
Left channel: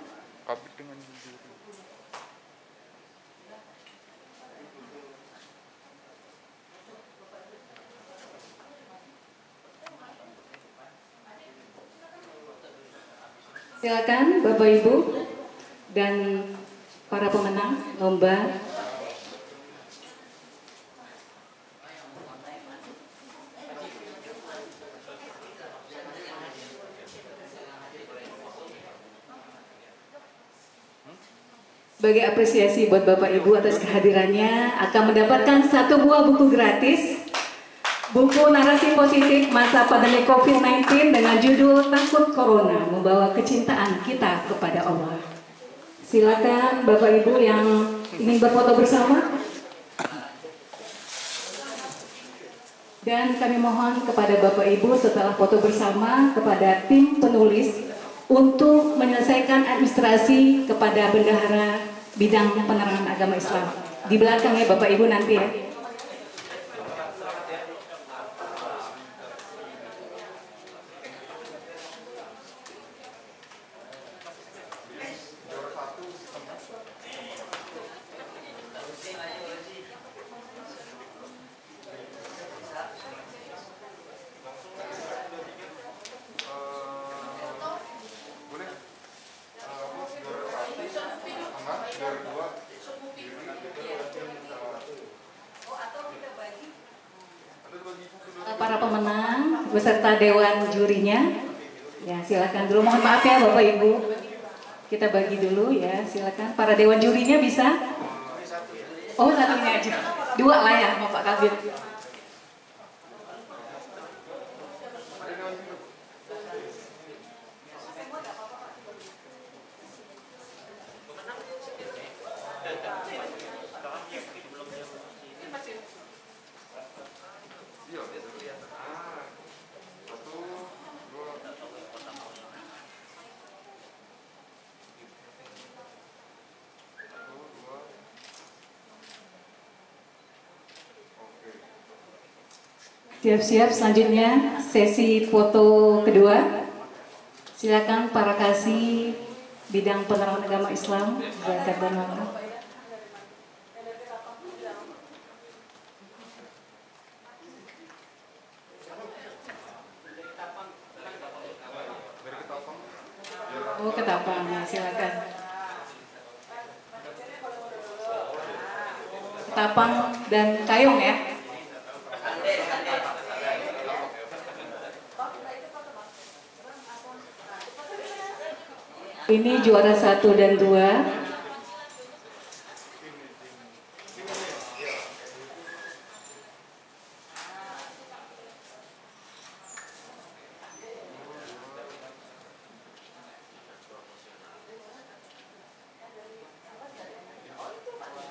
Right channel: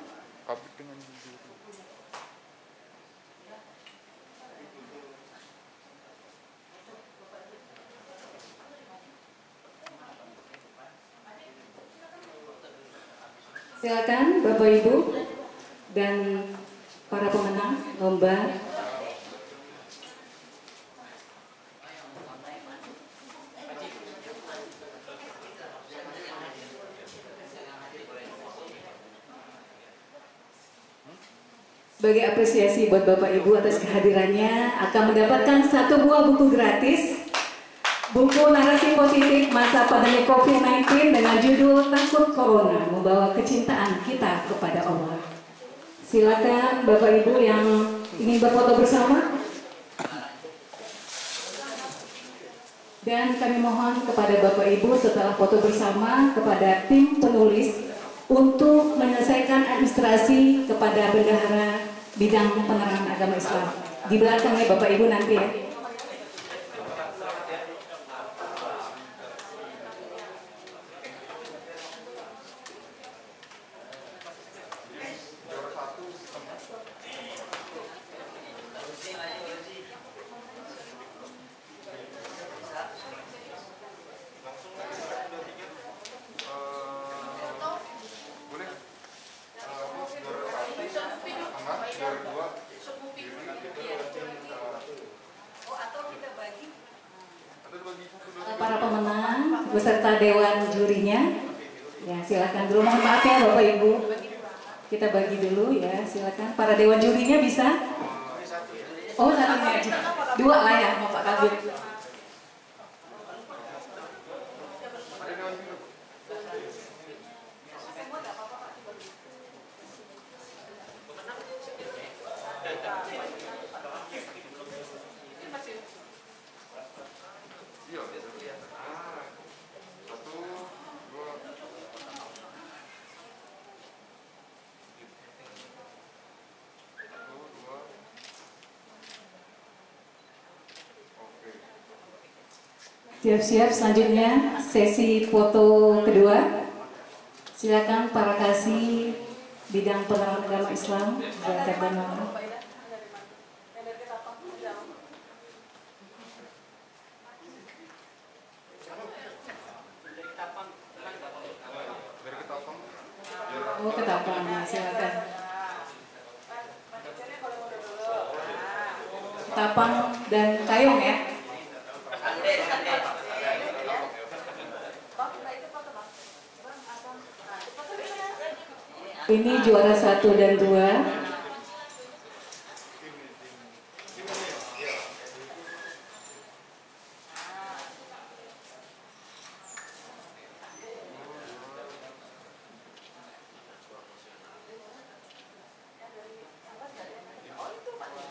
Silakan Bapak Ibu dan para pemenang lomba. Sebagai apresiasi buat Bapak Ibu atas kehadirannya, akan mendapatkan 1 buah buku gratis. Buku Narasi Positif Masa Pandemi COVID-19 dengan judul Takut Corona, Membawa Kecintaan Kita Kepada Allah. Silakan Bapak Ibu yang ingin berfoto bersama. Dan kami mohon kepada Bapak Ibu setelah foto bersama kepada tim penulis untuk menyelesaikan administrasi kepada Bendahara Bidang Penerangan Agama Islam. Di belakangnya Bapak Ibu nanti ya. Para pemenang beserta dewan jurinya, ya silakan dulu. Mohon maaf ya Bapak Ibu, kita bagi dulu ya. Silakan para dewan jurinya bisa. Oh satunya aja, 2 lah ya, Bapak Kabir. Siap-siap, selanjutnya sesi foto kedua. Silakan para kasih bidang penerangan agama Islam, zakat dan wakaf. Oh, Ketapang, silakan. Ketapang dan Kayong ya. Ini juara 1 dan 2.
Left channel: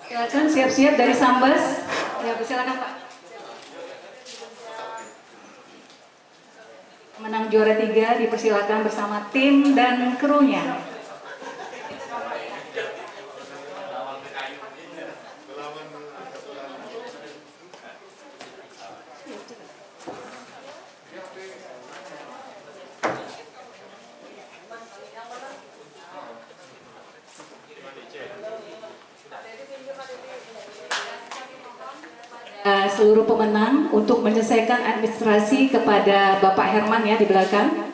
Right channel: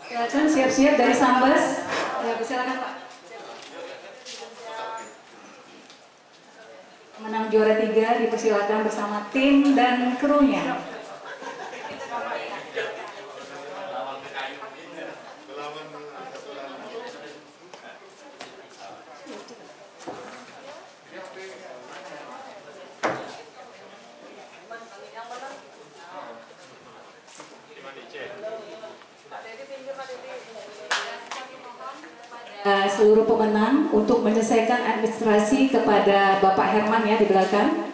Silakan siap-siap dari Sambas. Ya, silakan Pak. Menang juara 3 dipersilakan bersama tim dan krunya. Seluruh pemenang untuk menyelesaikan administrasi kepada Bapak Herman ya di belakang.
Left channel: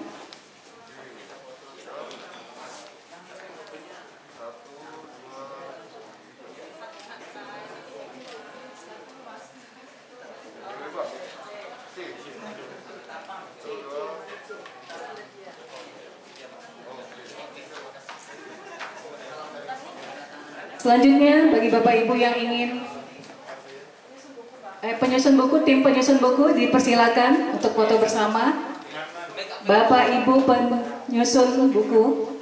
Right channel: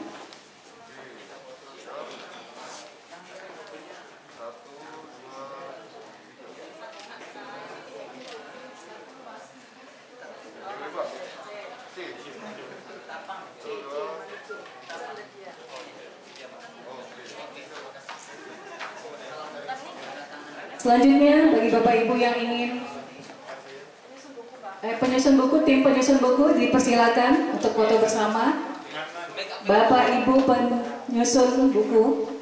Selanjutnya bagi Bapak Ibu yang ingin penyusun buku, tim penyusun buku dipersilakan untuk foto bersama. Bapak Ibu penyusun buku.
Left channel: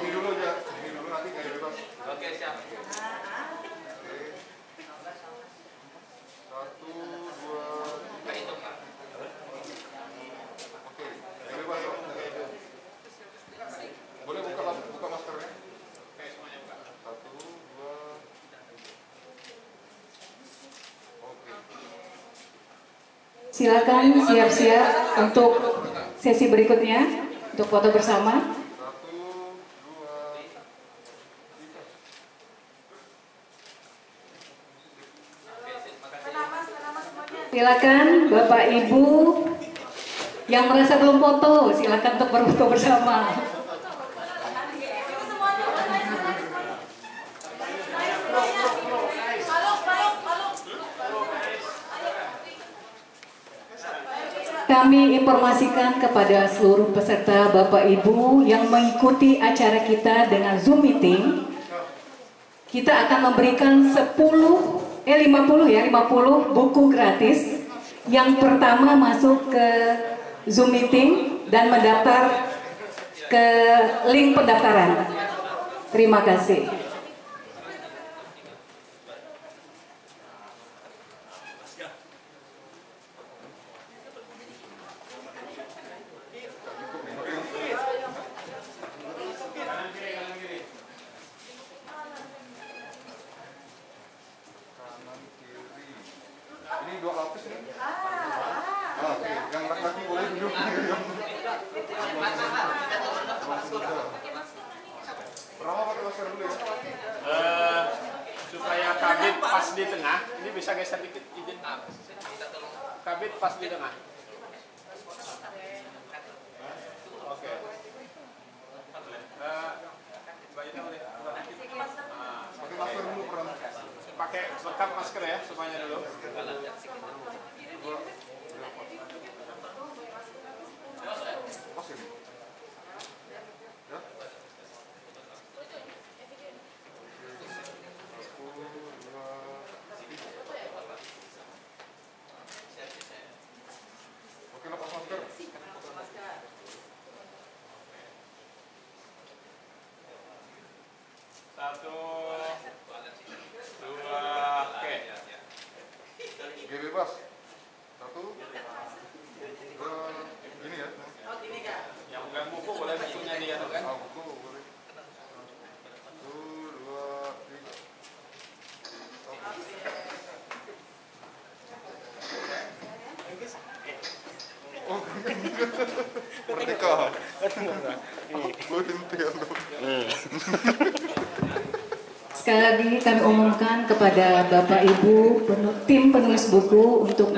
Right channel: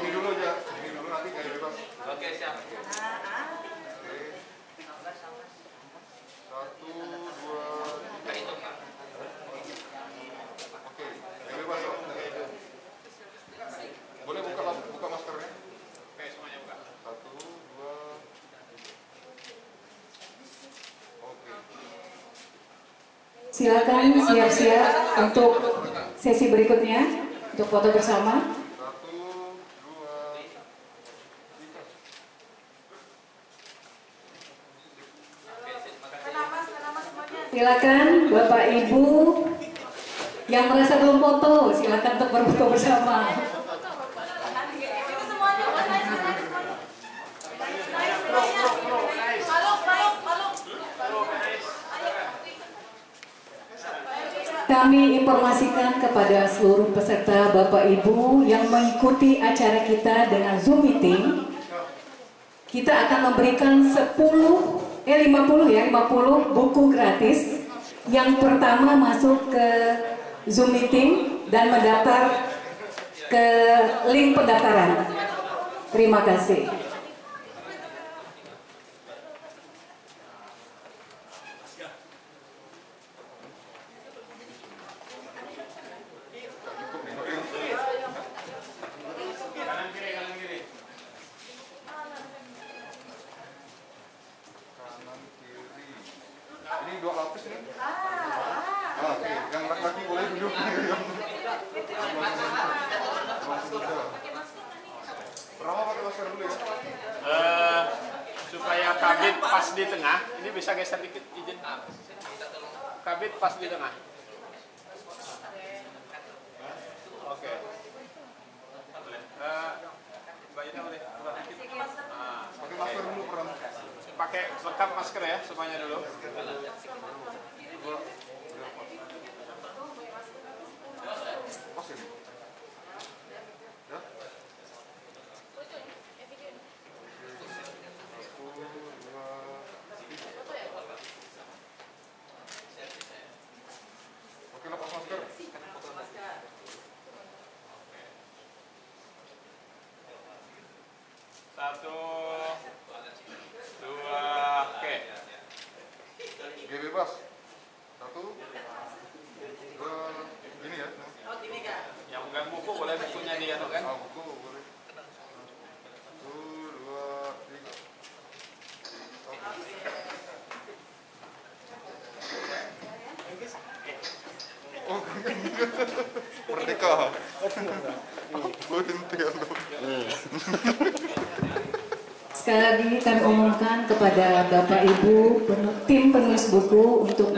Ini dulu aja, ini dulu nanti gaya bebas. Oke, siap. Oke. 1, 2, 3. Oke, gaya bebas dong. Boleh buka maskernya? Oke, semuanya buka. 1, 2. Oke. Silakan siap-siap untuk sesi berikutnya untuk foto bersama. 1, 2, 3. Silakan Bapak Ibu yang merasa belum foto, silakan untuk berfoto bersama. Kami informasikan kepada seluruh peserta Bapak Ibu yang mengikuti acara kita dengan Zoom meeting, kita akan memberikan 50 buku gratis. Yang pertama masuk ke Zoom meeting dan mendaftar ke link pendaftaran. Terima kasih. Kanan kiri. Ini 2 lapis nih. Oke, yang laki-laki boleh duduk. Pertama pakai masker dulu ya. Supaya kabit pas di tengah, ini bisa geser dikit izin. Kabit pas di tengah. Oke. Mbak Ina boleh. Pakai masker dulu pertama. Pakai lengkap masker ya semuanya dulu. Pas ini. Ya. Oke, lepas masker. Satu, dua, oke. Gaya bebas. 1, 2, gini ya. Yang pegang buku boleh bukunya dia tuh kan? Buku boleh. 1, 2, 3. Oh, merdeka. Sekali lagi kami umumkan kepada Bapak Ibu tim penulis buku untuk